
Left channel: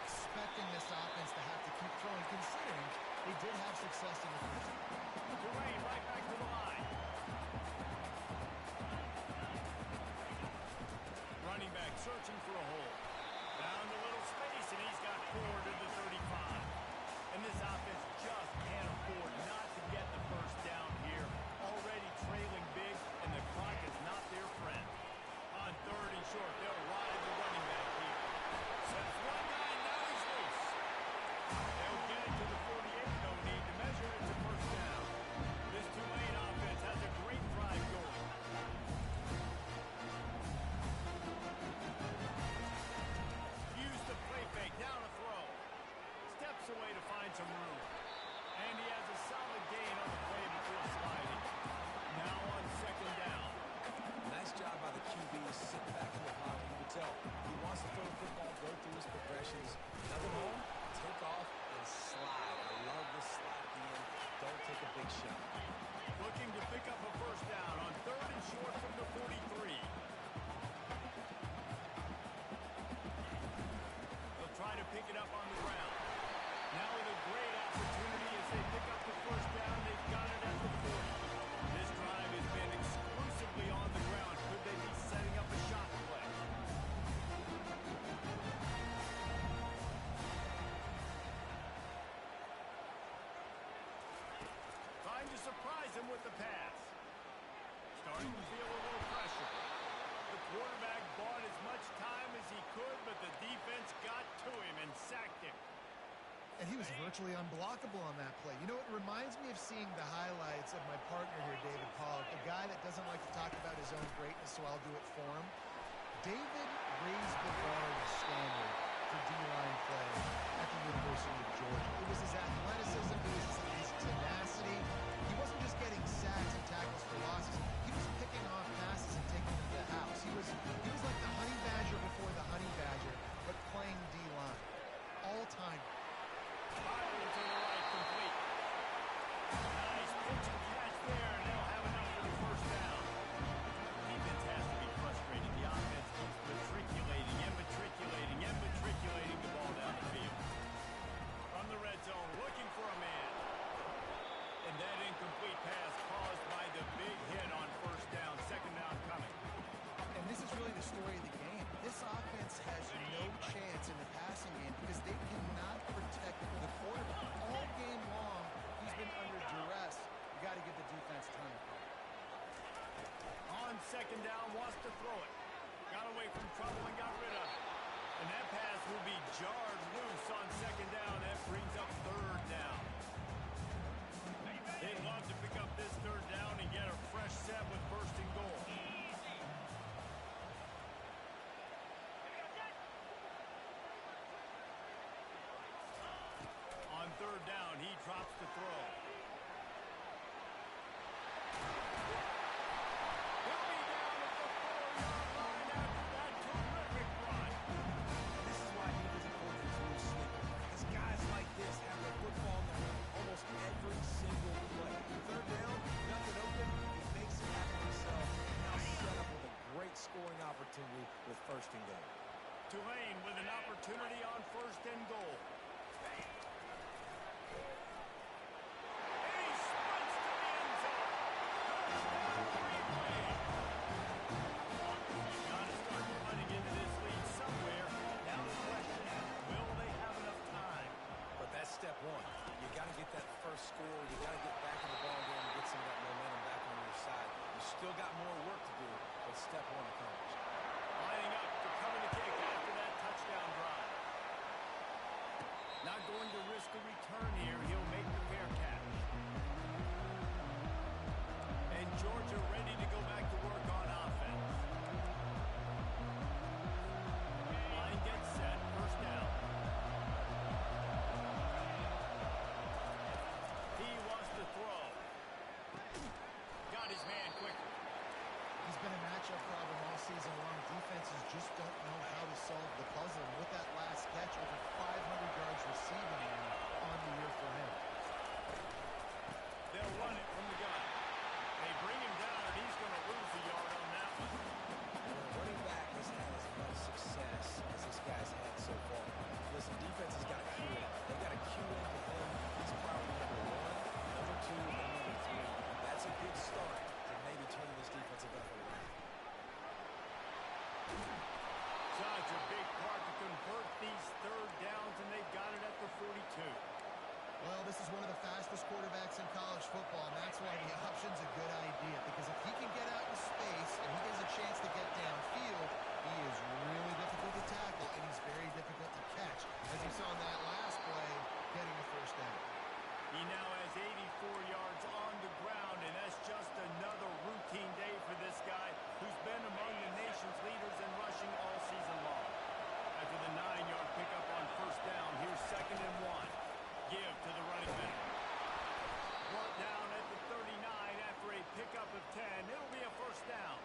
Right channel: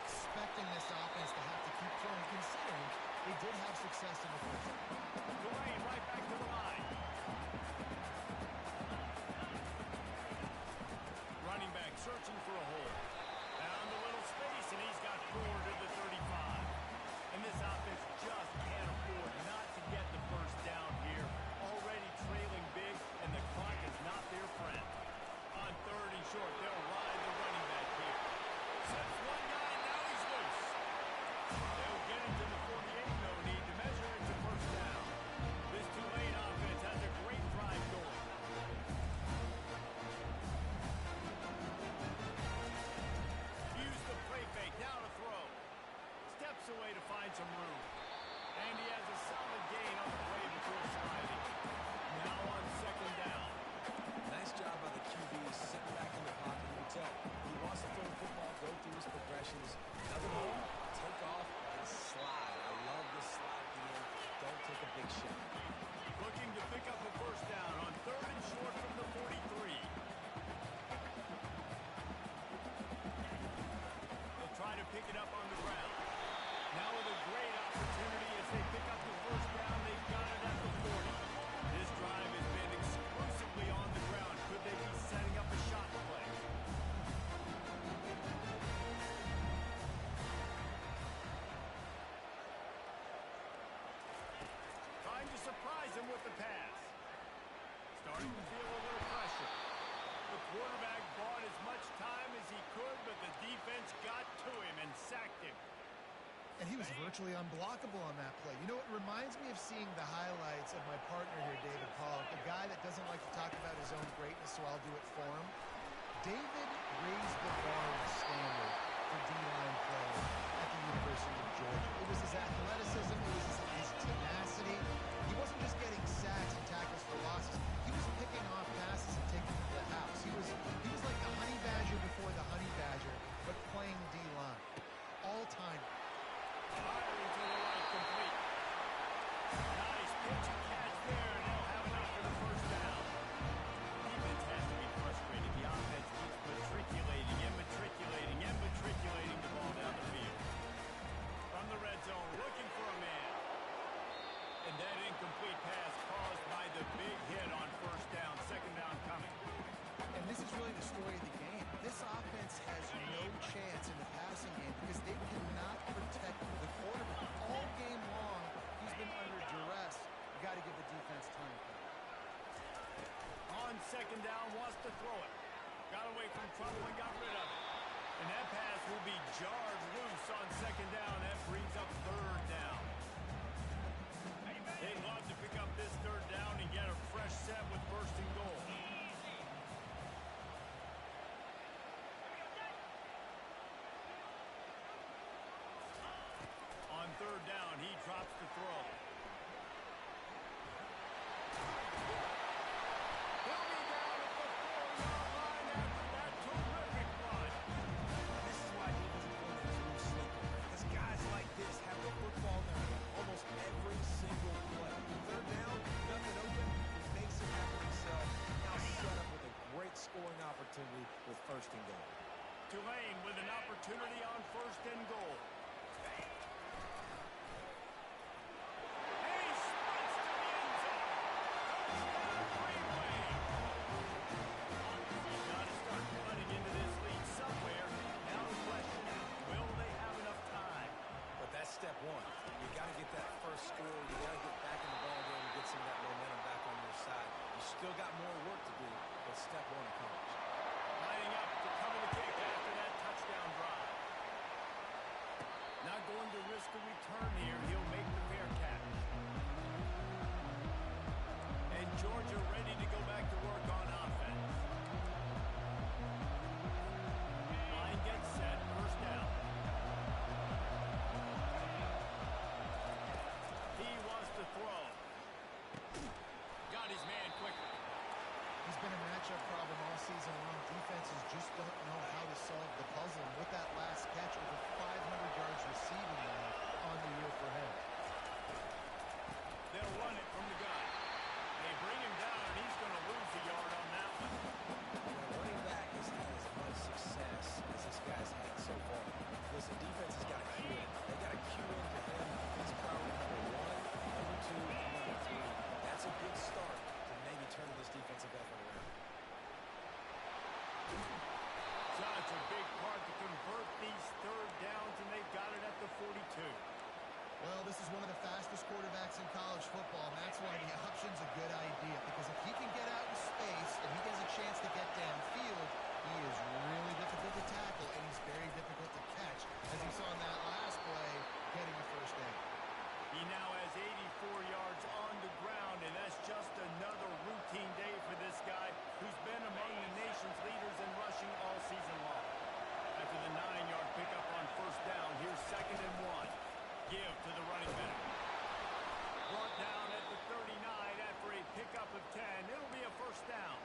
expecting this offense to have to keep throwing, considering they did have success in the first half. Tulane right back to the line. Running back searching for a hole. Found a little space, and he's got 4 to the 35. And this offense just can't afford not to get the first down here. Already trailing big, and the clock is not their friend. On 3rd and short, they'll ride the running back here. Sets one guy, now he's loose. They'll get it to the 48, no need to measure. It's a first down. This Tulane offense has a great drive going. Use the play fake, now to throw. Steps away to find some room. And he has a solid gain on the play before sliding. Now on 2nd down. Nice job by the QB sitting back in the pocket. You can tell he wants to throw the football, go through his progressions. Nothing home, take off, and slide. I love this slide at the end. Don't take a big shot. Looking to pick up a first down on 3rd and short from the 43. They'll try to pick it up on the ground. Now with a great opportunity as they pick up the first down. They've got it at the 40. This drive has been exclusively on the ground. Could they be setting up a shot play? Trying to surprise him with the pass. Starting to feel a little pressure. The quarterback bought as much time as he could, but the defense got to him and sacked him. And he was virtually unblockable on that play. You know, it reminds me of seeing the highlights of my partner here, David Pollock, the guy that doesn't like to talk about his own greatness, so I'll do it for him. David raised the bar in the standard for D-line play at the University of Georgia. It was his athleticism, it was his tenacity. He wasn't just getting sacks and tackles for losses. He was picking off passes and taking them to the house. He was like the honey badger before the honey badger, but playing D-line. All-time. Firing to the right, complete. Nice pitch and catch there, and they'll have enough for the first down. Defense has to be frustrated. The offense keeps matriculating the ball down the field. From the red zone, looking for a man. And that incomplete pass caused by the big hit on first down. 2nd down coming. And this is really the story of the game. This offense has no chance in the passing game because they cannot protect the quarterback. All game long, he's been under duress. You got to give the defense a ton of credit. On 2nd down, wants to throw it. Got away from trouble and got rid of it. And that pass will be jarred loose on 2nd down. That brings up 3rd down. They'd love to pick up this 3rd down and get a fresh set with 1st and goal. On 3rd down, he drops the throw. He'll be down at the 4-yard line after that terrific run. And this is why defensive coordinators lose sleep. Because guys like this have the football in their hand almost every single play. 3rd down, nothing open, he makes it happen himself. opportunity with first and goal. Tulane with an opportunity on first and goal. He sprints to the end zone. Touchdown, Green Wave. Got to start running into this lead somewhere. Now the question, will they have enough time? But that's step one. You got to get that first score. You got to get back in the ball game and get some of that momentum back on your side. You still got more work to do, but step one accomplished. Lining up to cover the kick after that touchdown drive. Not going to risk a return here. He'll make the fair catch. And Georgia ready to go back to work on offense. Line gets set. First down. He wants to throw. Got his man quickly. He's been a matchup problem all season long. Defenses just don't know how to solve the puzzle. And with that last catch, over 500 yards receiving now on the year for him. They'll run it from the gun. They bring him down, and he's going to lose a yard on that one. When a running back has had as much success as this guy's had so far, listen, defense has got to cue in. They got to cue into him. He's priority number 1, number 2, and number 3. That's a good start to maybe turning this defensive effort around. Such a big part to convert these third downs, and they got it at the 42. Well, this is one of the fastest quarterbacks in college football, and that's why the option's a good idea. Because if he can get out in space and he gets a chance to get downfield, he is really difficult to tackle, and he's very difficult to catch. As you saw in that last play, getting a first down. He now has 84 yards on the ground, and that's just another routine day for this guy who's been among the nation's leaders in rushing all season long. After the 9-yard pickup on first down, here's 2nd and 1. Give to the running back. Brought down at the 39 after a pickup of 10. It'll be a first down.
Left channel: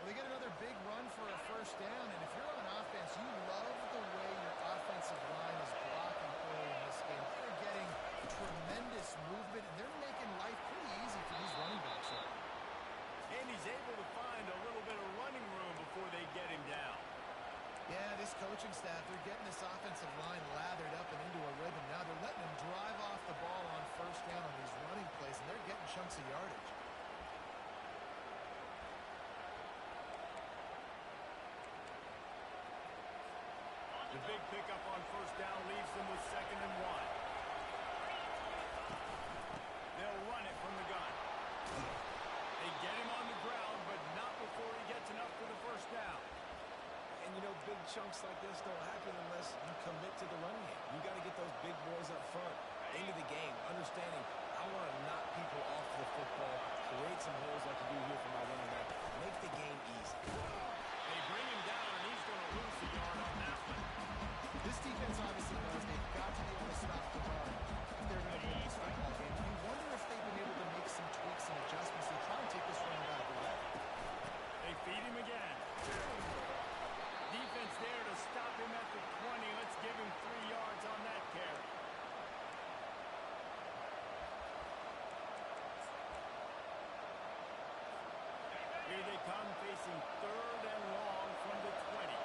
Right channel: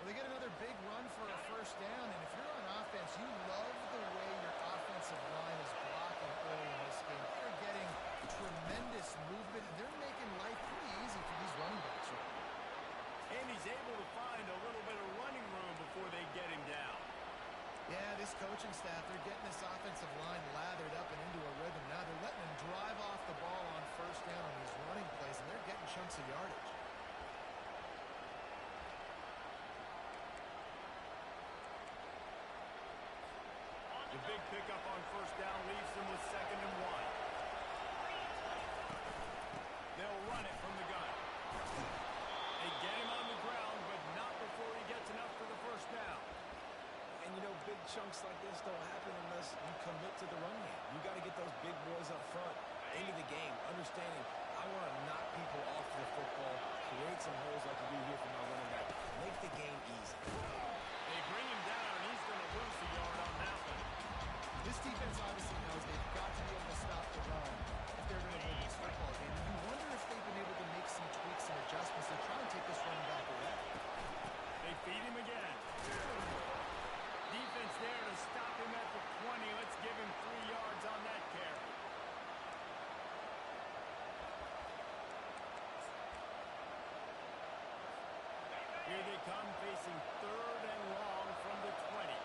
Well, they get another big run for a first down, and if you're on offense, you love the way your offensive line is blocking early in this game. They're getting tremendous movement, and they're making life pretty easy for these running backs right now. And he's able to find a little bit of running room before they get him down. Yeah, this coaching staff, they're getting this offensive line lathered up and into a rhythm. Now they're letting them drive off the ball on first down on these running plays, and they're getting chunks of yardage. The big pickup on first down leaves them with 2nd and 1. They'll run it from the gun. They get him on the ground, but not before he gets enough for the first down. And, you know, big chunks like this don't happen unless you commit to the run game. You got to get those big boys up front into the game, understanding I want to knock people off the football, create some holes like you do here for my running back, make the game easy. They bring him down, and he's going to lose a yard on that one. This defense obviously knows they've got to be able to stop the run if they're going to win this football game. And you wonder if they've been able to make some tweaks and adjustments to try and take this running back away. They feed him again. Defense there to stop him at the 20. Let's give him 3 yards on that carry. Here they come, facing 3rd and long from the 20.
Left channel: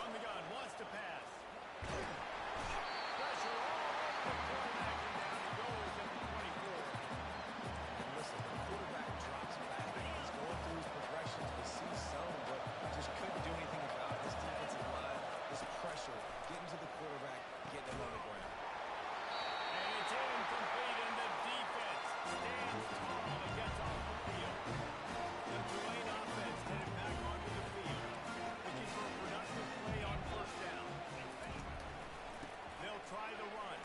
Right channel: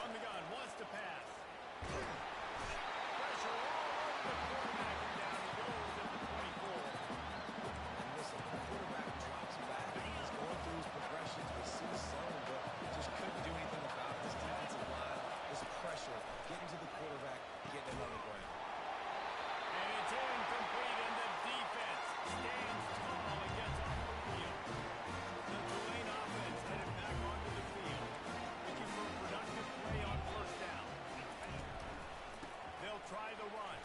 From the gun, wants to pass. Pressure all over the quarterback, and down he goes at the 24. And listen, the quarterback drops back. He's going through his progressions, but sees zone, but just couldn't do anything about it. This defensive line, this pressure, getting to the quarterback, getting him on the ground. And it's incomplete, and the defense stands tall and gets off the field. The Tulane offense headed back onto the field, looking for a productive play on first down. They'll try the run.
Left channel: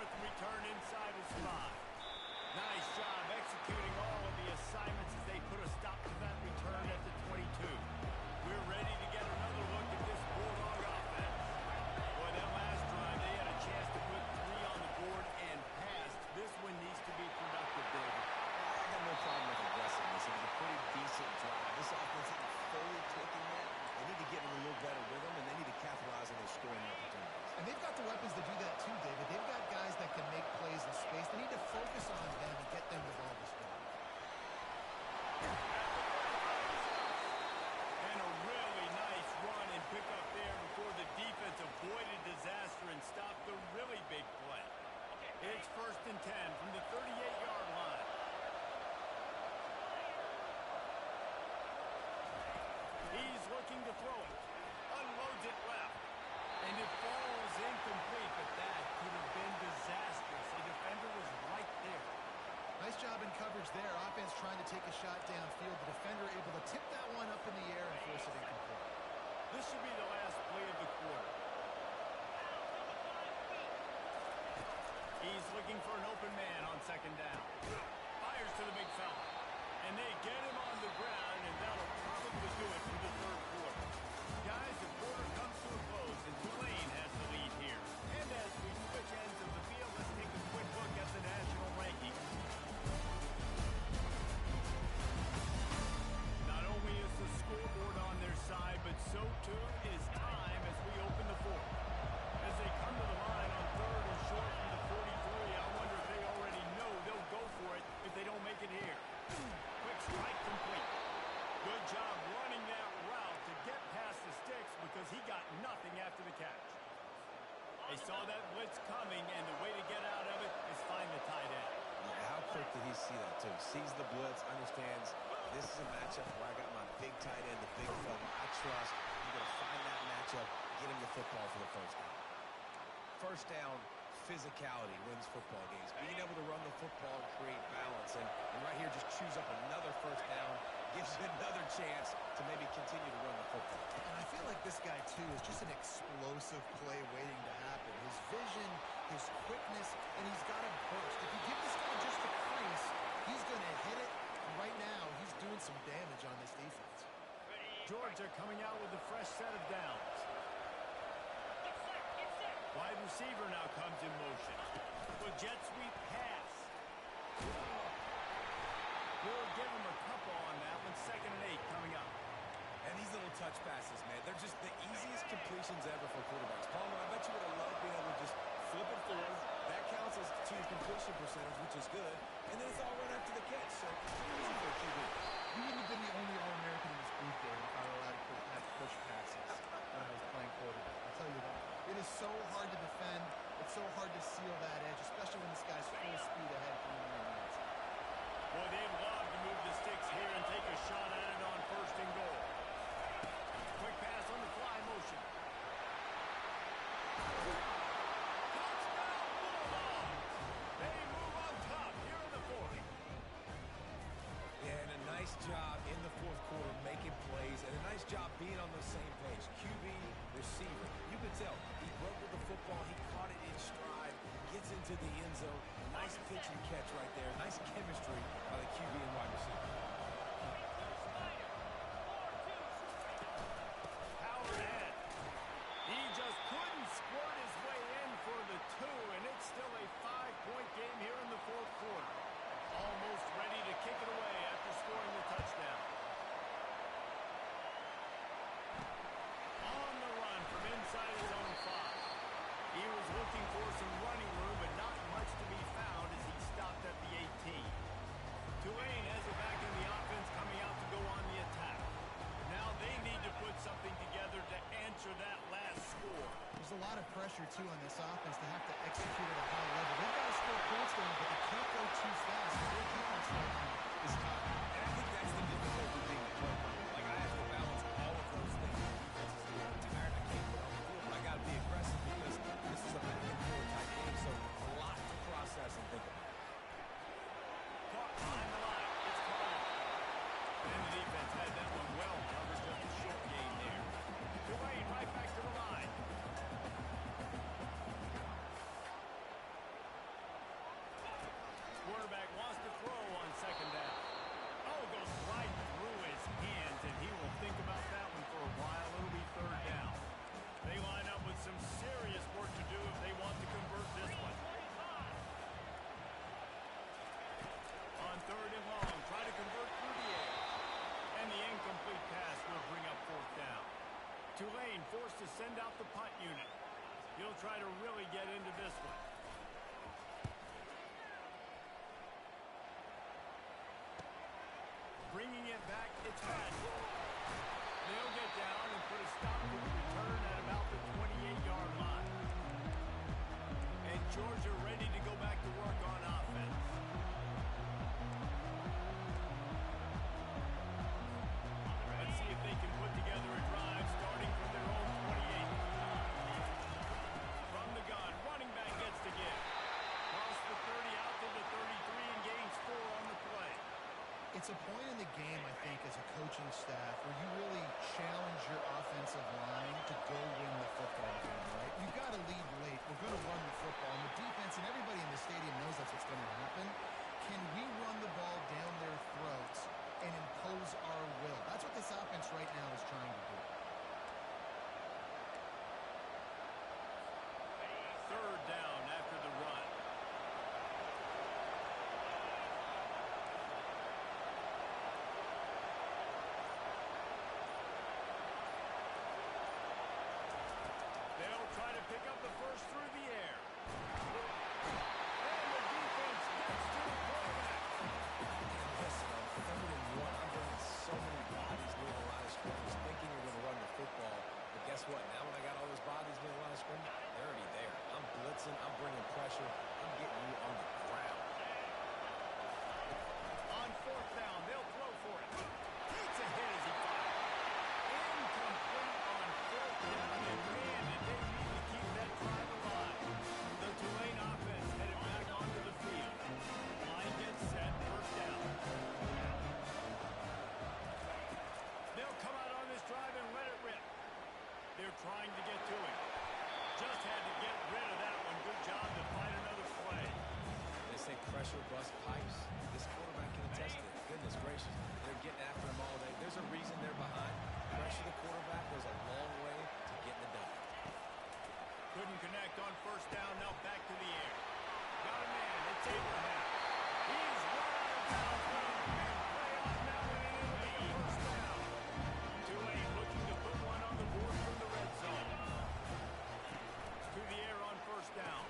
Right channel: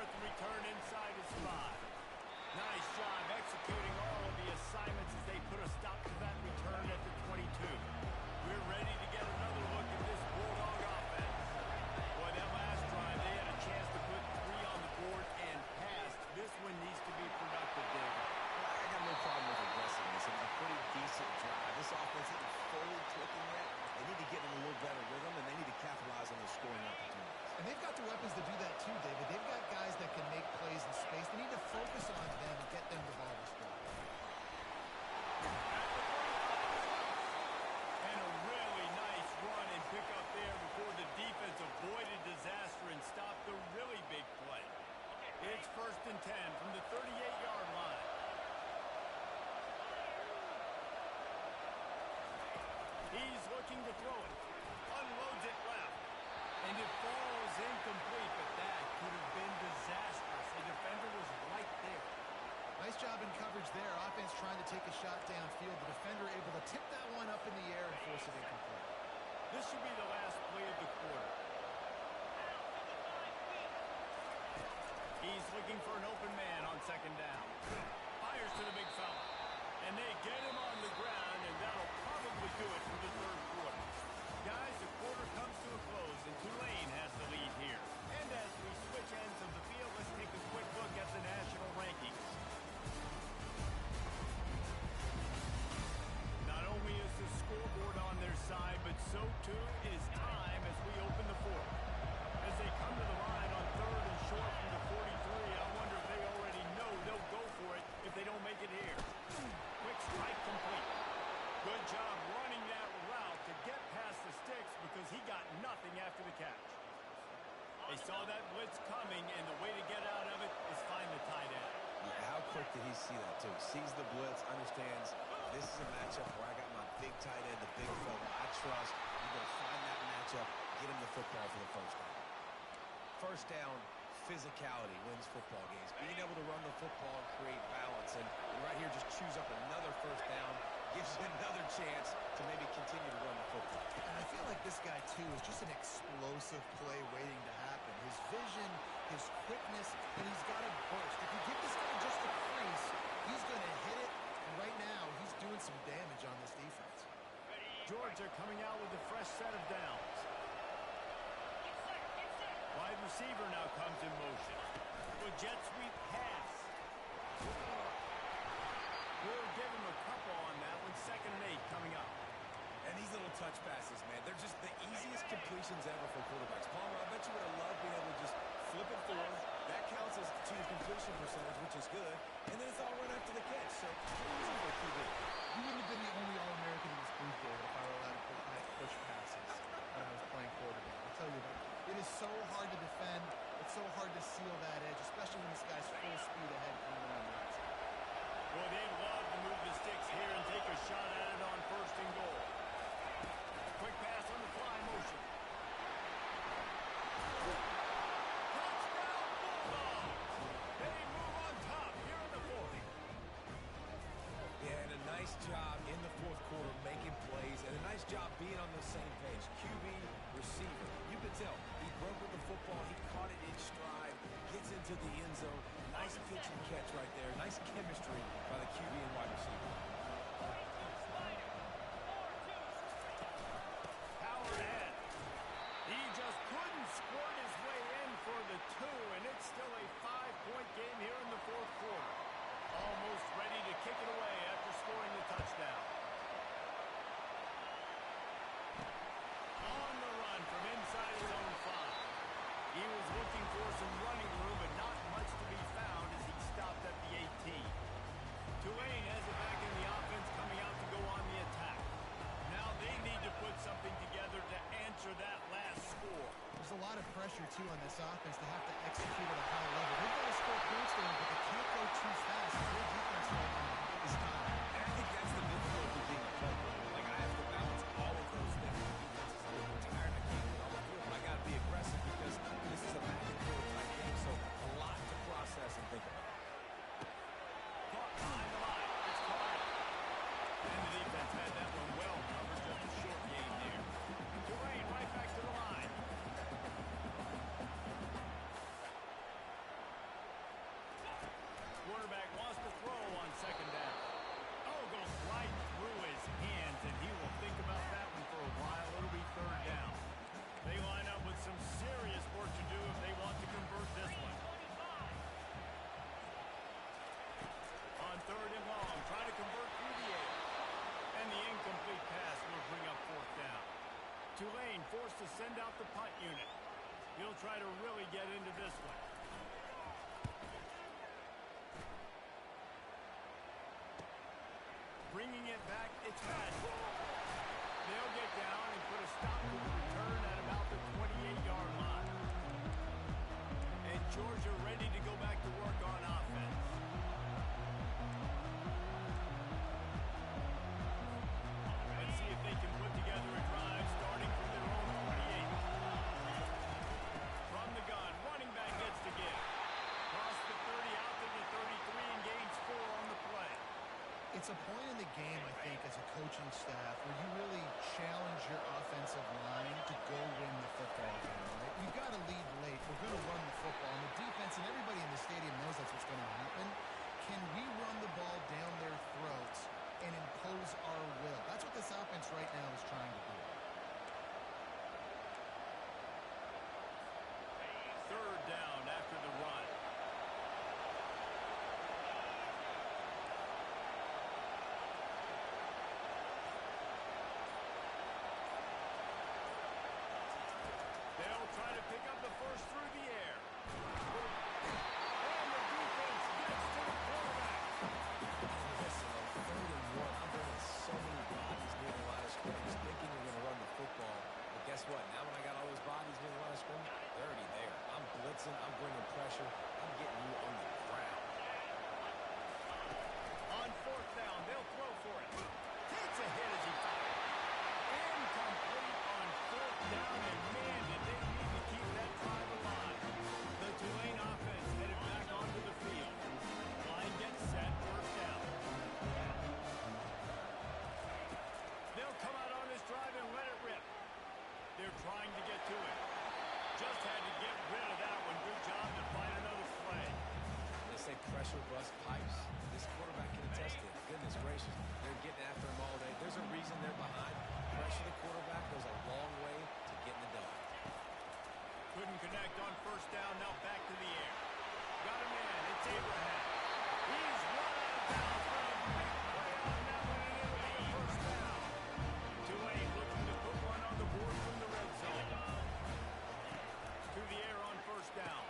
starts the return inside his 5. Nice job executing all of the assignments as they put a stop to that return at the 22. We're ready to get another look at this Bulldog offense. Boy, that last drive, they had a chance to put 3 on the board and passed. This one needs to be productive, David. Well, I got no problem with aggressiveness. It was a pretty decent drive. This offense isn't fully clicking yet. They need to get in a little better rhythm, and they need to capitalize on those scoring opportunities. And they've got the weapons to do that too, David. They've got guys that can make plays in space. They need to focus on them and get them the ball this drive. And a really nice run and pick up there before the defense avoided disaster and stopped the really big play. It's 1st and 10 from the 38-yard line. He's looking to throw it. Unloads it left. And it falls incomplete, but that could have been disastrous. A defender was right there. Nice job in coverage there. Offense trying to take a shot downfield. The defender able to tip that one up in the air and force it incomplete. This should be the last play of the quarter. He's looking for an open man on 2nd down. Fires to the big fella. And they get him on the ground, and that'll probably do it for the 3rd quarter. Guys, the quarter comes to a close, and Tulane has the lead here. And as we switch ends of the field, let's take a quick look at the national rankings. Not only is the scoreboard on their side, but so too is time as we open the 4th. As they come to the line on 3rd and short from the 43, I wonder if they already know they'll go for it if they don't make it here. Quick strike complete. Good job running that route to get past the sticks because he got nothing after the catch. They saw that blitz coming, and the way to get out of it is find the tight end. Yeah, how quick did he see that, too? Sees the blitz, understands this is a matchup where I got my big tight end, the big fella I trust. I'm going to find that matchup, get him the football for the 1st down. 1st down, physicality wins football games. Being able to run the football and create balance. And right here, just choose up another 1st down, gives you another chance to maybe continue to run the football. And I feel like this guy, too, is just an explosive play waiting to happen. His vision, his quickness, and he's got a burst. If you give this guy just a crease, he's going to hit it. And right now, he's doing some damage on this defense. Georgia coming out with a fresh set of downs. Wide receiver now comes in motion. With jet sweep pass. We'll give him a couple on that one. 2nd and 8 coming up. And these little touch passes, man, they're just the easiest completions ever for quarterbacks. Palmer, I bet you would have loved being able to just flip it forward. That counts as to your completion percentage, which is good. And then it's all run after the catch. So pretty easy for a QB. You wouldn't have been the only All-American in this booth, David, if I were allowed to have push passes when I was playing quarterback. I'll tell you that. It is so hard to defend. It's so hard to seal that edge, especially when this guy's full speed ahead coming around the outside. Boy, they'd love to move the sticks here and take a shot at it on 1st and goal. Quick pass on the fly motion. Touchdown Bulldogs! They move on top here in the 4th. Yeah, and a nice job in the 4th quarter making plays, and a nice job being on the same page. QB, receiver. You could tell he broke with the football. He caught it in stride, gets into the end zone. Nice pitch and catch right there. Nice chemistry by the QB and wide receiver. Power ahead. He just couldn't squirt his way in for the 2, and it's still a 5-point game here in the 4th quarter. Almost ready to kick it away after scoring the touchdown. On the run from inside his own 5. He was looking for some running room, but not much to be found as he stopped at the 18. Tulane has it back in the offense, coming out to go on the attack. Now they need to put something together to answer that last score. There's a lot of pressure, too, on this offense to have to execute at a high level. They've got to score points there, but they can't go too fast. Their defense right now is tired. And I think that's the difficulty being a player. Like, I have to balance all of those things. The defense is a little bit tired. I can't get on the field, but I got to be aggressive because this is a back-and-forth type game, so a lot to process and think about. Caught behind the line. It's caught. And the defense had that one well covered. Just a short game there. Tulane right back to the line. goes right through his hands, and he will think about that one for a while. It'll be third down. They line up with some serious work to do if they want to convert this one. On third and long, try to convert through the air. And the incomplete pass will bring up fourth down. Tulane forced to send out the punt unit. He'll try to really get into this one. Bringing it back, it's bad. They'll get down and put a stop to the return at about the 28-yard line. And Georgia ready to go back to work on offense. Let's see if they can put together a drive starting from their own 28. From the gun, running back gets to give. Cross the 30 out to the 33 and gains 4 on the play. It's a point in the game, I think, as a coaching staff where you really challenge your offensive line to go win the football game, right? We've got to lead late. We're going to run the football. And the defense and everybody in the stadium knows that's what's going to happen. Can we run the ball down their throats and impose our will? That's what this offense right now is trying to do. Third down after the run. They'll try to pick up the first through the air. And the defense gets to the quarterback. Listen, on third and one, I'm bringing so many bodies near the line of scrimmage thinking you're going to run the football. But guess what? Now when I got all those bodies near the line of scrimmage, they're already there. I'm blitzing. I'm bringing pressure. I'm getting you on the ground. On fourth down, they'll throw for it. Takes a hit as he fires. Incomplete on fourth down, and man, did they need to keep that drive alive. The Tulane offense headed back onto the field. Line gets set, first down. They'll come out on this drive and let it rip. They're trying to get to it. Just had to get rid of that one. Good job to find another play. They say pressure bust pipes. This quarterback can attest to it. Goodness gracious. They're getting after him all day. There's a reason they're behind. Pressure the quarterback goes a long way to getting the done. Couldn't connect on first down. Now back to the air. Got a man. It's Abraham. He's run out of bounds. But a big play on that one, and it'll be a first down. Tulane looking to put one on the board from the red zone. To the air on first down.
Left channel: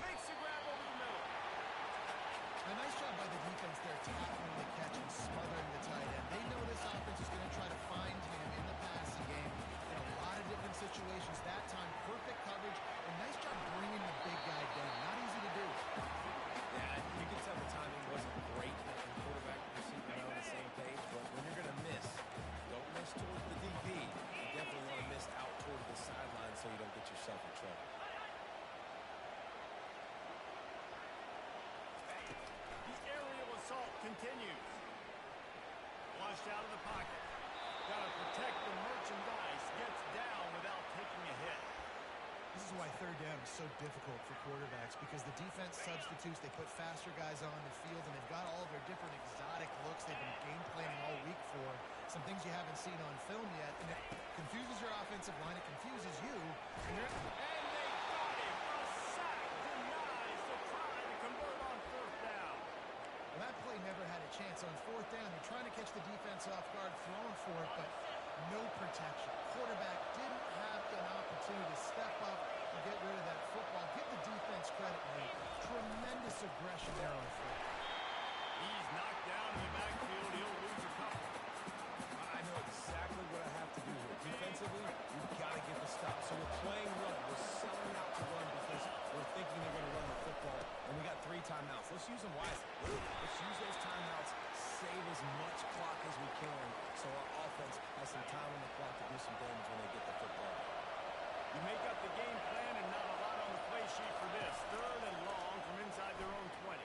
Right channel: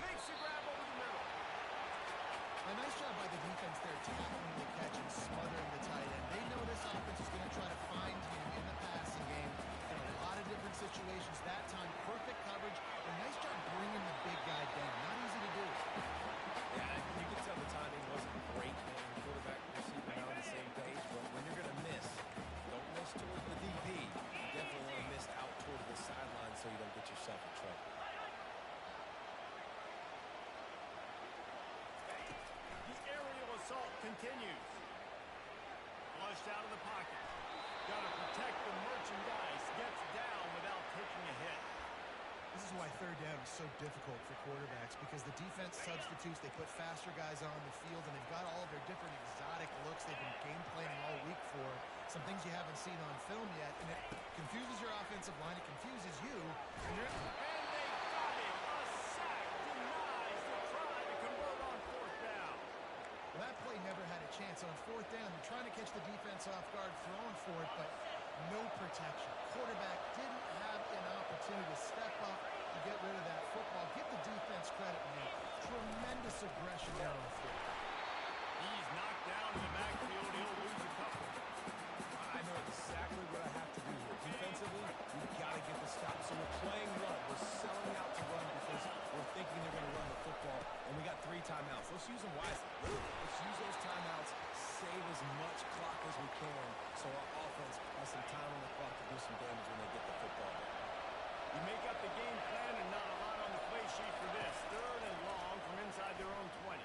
Makes the grab over the middle. A nice job by the defense there, tackling the catch and smothering the tight end. They know this offense is going to try to find him in the passing game in a lot of different situations. That time, perfect coverage, and nice job bringing the big guy down. Not easy to do. Yeah, you can tell the timing wasn't great, and quarterback and receiver not on the same page, but when you're going to miss, don't miss towards the DB. You definitely want to miss out towards the sideline so you don't get yourself in trouble. Assault continues. Flushed out of the pocket. Got to protect the merchandise. Gets down without taking a hit. This is why third down is so difficult for quarterbacks, because the defense substitutes. They put faster guys on the field, and they've got all of their different exotic looks they've been game planning all week for. Some things you haven't seen on film yet, and it confuses your offensive line. It confuses you. And they got him. A sack denies the try to convert on fourth down. Well, that play never had a chance. On fourth down, they're trying to catch the defense off guard, throwing for it, but no protection. Quarterback didn't have an opportunity to step up and get rid of that football. Give the defense credit, man. Tremendous aggression there on fourth. He's knocked down in the backfield. He'll lose a couple. I know exactly what I have to do here. Defensively, we've got to get the stop. So we're playing run. We're selling out to run because we're thinking they're going to run the football. And we got 3 timeouts. Let's use them wisely. Let's use those timeouts, save as much clock as we can so our offense has some time on the clock to do some damage when they get the football back. You make up the game plan and not a lot on the play sheet for this. Third and long from inside their own 20.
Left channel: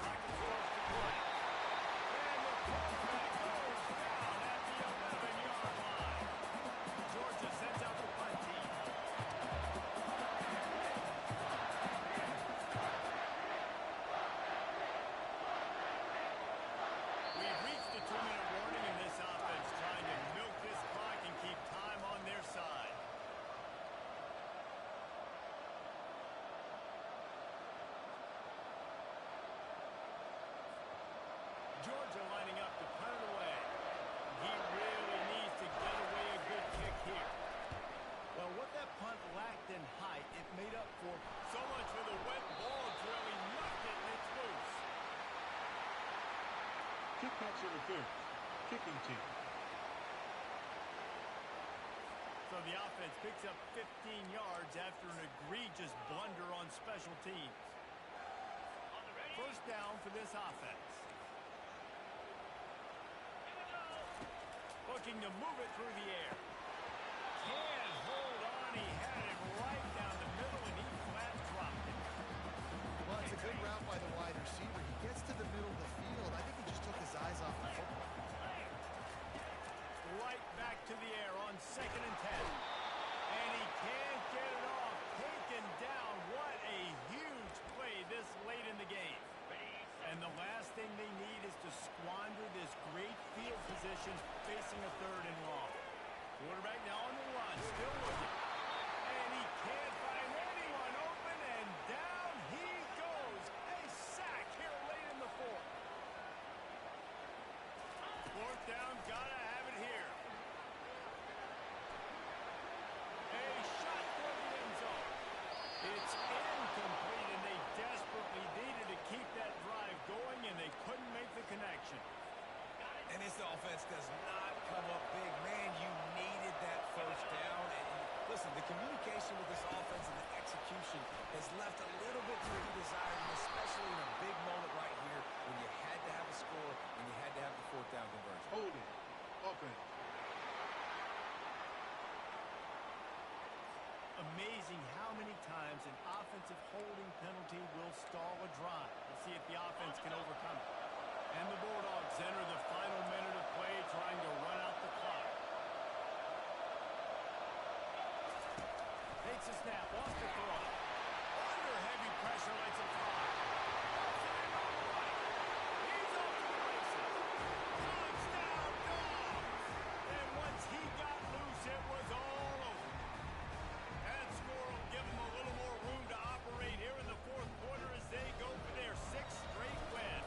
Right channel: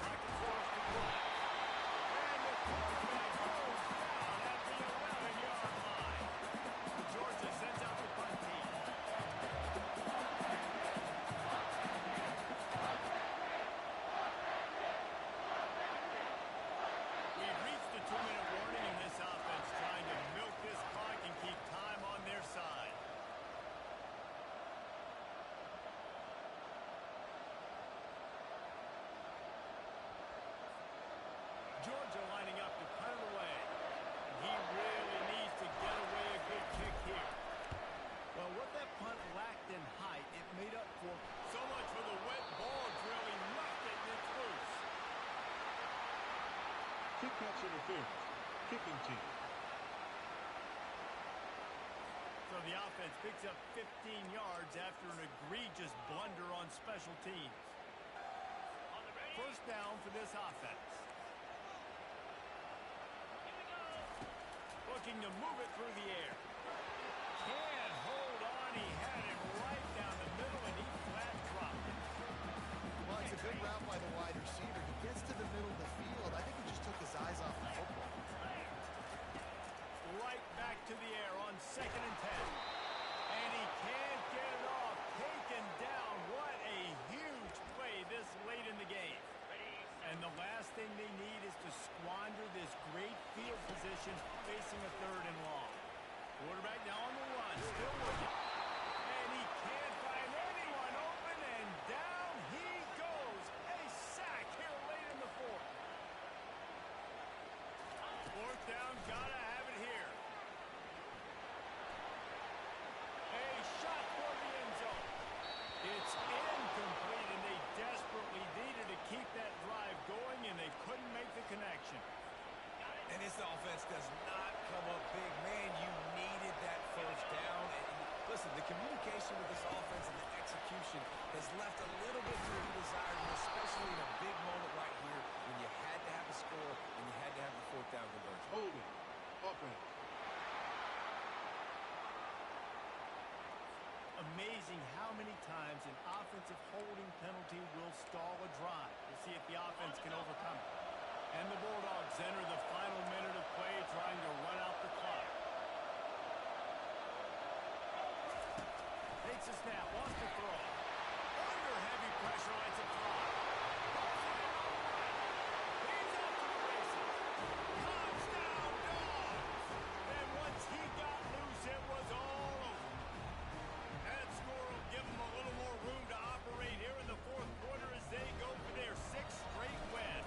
Pocket starts to collapse. And the quarterback goes down at the 11-yard line. Georgia sends out the punt team. We've reached the 2-minute warning, and this offense trying to milk this clock and keep time on their side. Georgia lining up to punt it away. He really needs to get away a good kick here. Well, what that punt lacked in height, it made up for. So much for the wet ball drill. He muffed it and it's loose. Kick catch interference. Kicking team. So the offense picks up 15 yards after an egregious blunder on special teams. First down for this offense. Looking to move it through the air. Can't hold on. He had it right down the middle, and he flat dropped it. Well, it's a good route by the wide receiver. He gets to the middle of the field. I think he just took his eyes off the football. Right back to the air on 2nd and 10. And he can't get it off. Taken down. What a huge play this late in the game. And the last thing they need is to squander this great field position facing a 3rd and long. Quarterback now on the run, still looking. And he can't find anyone open, and down he goes. A sack here late in the 4th. 4th down, gotta have it here. A shot for the end zone. It's incomplete, and they desperately needed to keep that drive going, and they couldn't make the connection. And this offense does not come up big. Man, you needed that first down. And listen, the communication with this offense and the execution has left a little bit to be desired, and especially in a big moment right here when you had to have a score and you had to have the 4th down conversion. Holding. Offense. Amazing how many times an offensive holding penalty will stall a drive. We'll see if the offense can overcome it. And the Bulldogs enter the final minute of play trying to run out the clock. Takes a snap, wants to throw. Under heavy pressure, lets it fly. Pulls it in on the right. He's off to the races. Touchdown, Dogs! And once he got loose, it was all over. That score will give them a little more room to operate here in the 4th quarter as they go for their 6th straight win.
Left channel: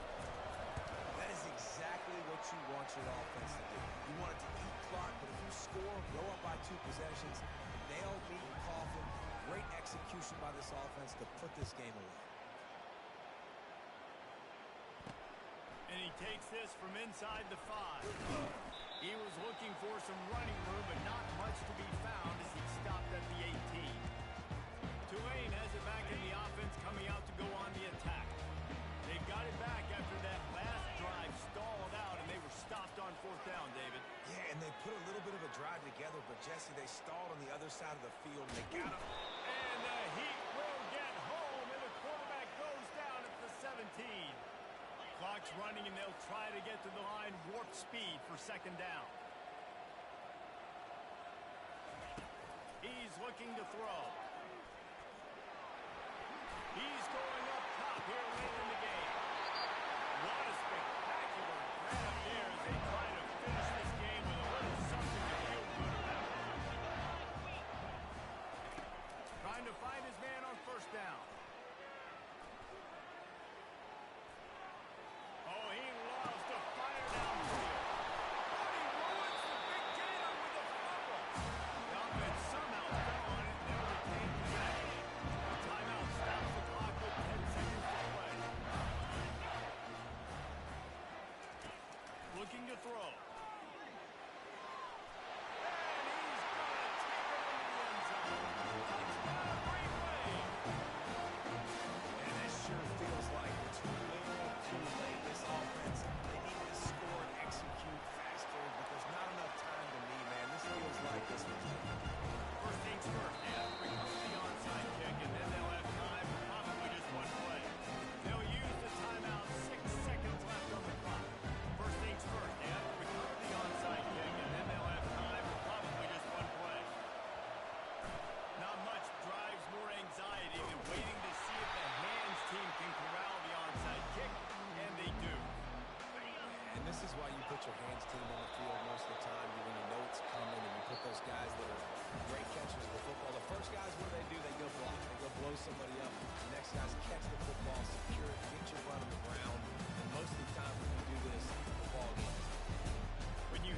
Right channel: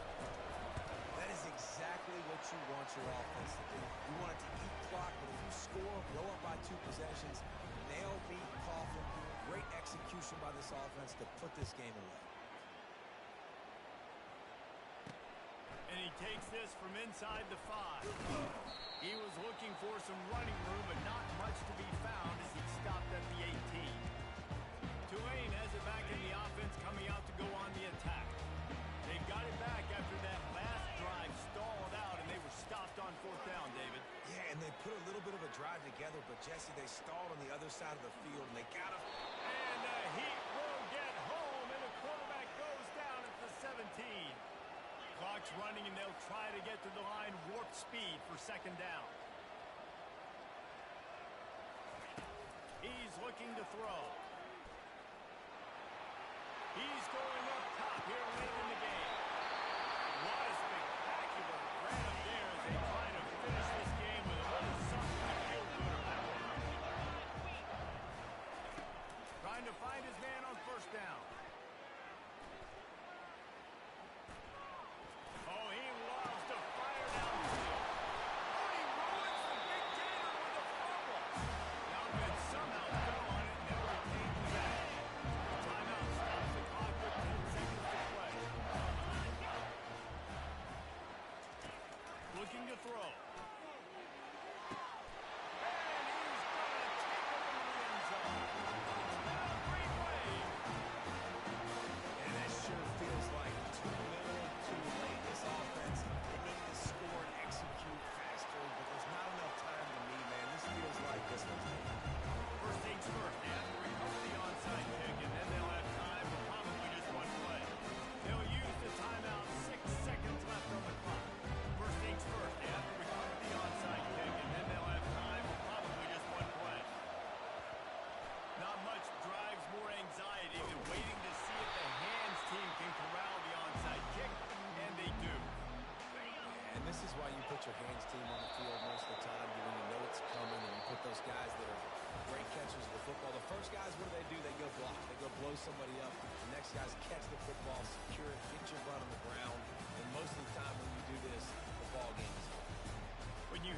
That is exactly what you want your offense to do. You want it to eat clock, but if you score, go up by 2 possessions, nail beat Coffin. Great execution by this offense to put this game away. And he takes this from inside the 5. He was looking for some running room, but not much to be found as he stopped at the 18. Tulane has it back in the offense, coming out to go on the attack. They've got it back after that last drive stalled out, and they were stopped on 4th down, David. Yeah, and they put a little bit of a drive together, but, Jesse, they stalled on the other side of the field, and they got him. And the Heat will get home, and the quarterback goes down at the 17. Clock's running, and they'll try to get to the line warp speed for 2nd down. He's looking to throw. He's going up top here late in the game. What a spectacular grab there as they try to finish this game with a little something to feel good about. Trying to find his man on 1st down. Oh, he loves to fire downfield. Oh, and he ruins the big gainer with a fumble. The offense somehow fell on it, and they'll retain possession. Timeout stops the clock with 10 seconds to play. Looking to throw. And he's going to take it into the end zone. Touchdown, Green Wave. And that sure feels like too little, too late. This offense, they need to score and execute faster, but there's not enough time to me, man. This feels like this one's over. First things first, they have to recover the onside kick, and then they'll have time for probably just one play. They'll use the timeout, 6 seconds left on the clock. First things first, they have to recover the onside kick, and then they'll have time for probably just one play. Not much drives more anxiety than waiting to see if the hands team can corral the onside kick, and they do. And this This is why you put your hands team on the field most of the time when you know it's coming, and you put those guys that are great catchers of the football. The first guys, what do? They go block. They go blow somebody up. The next guys catch the football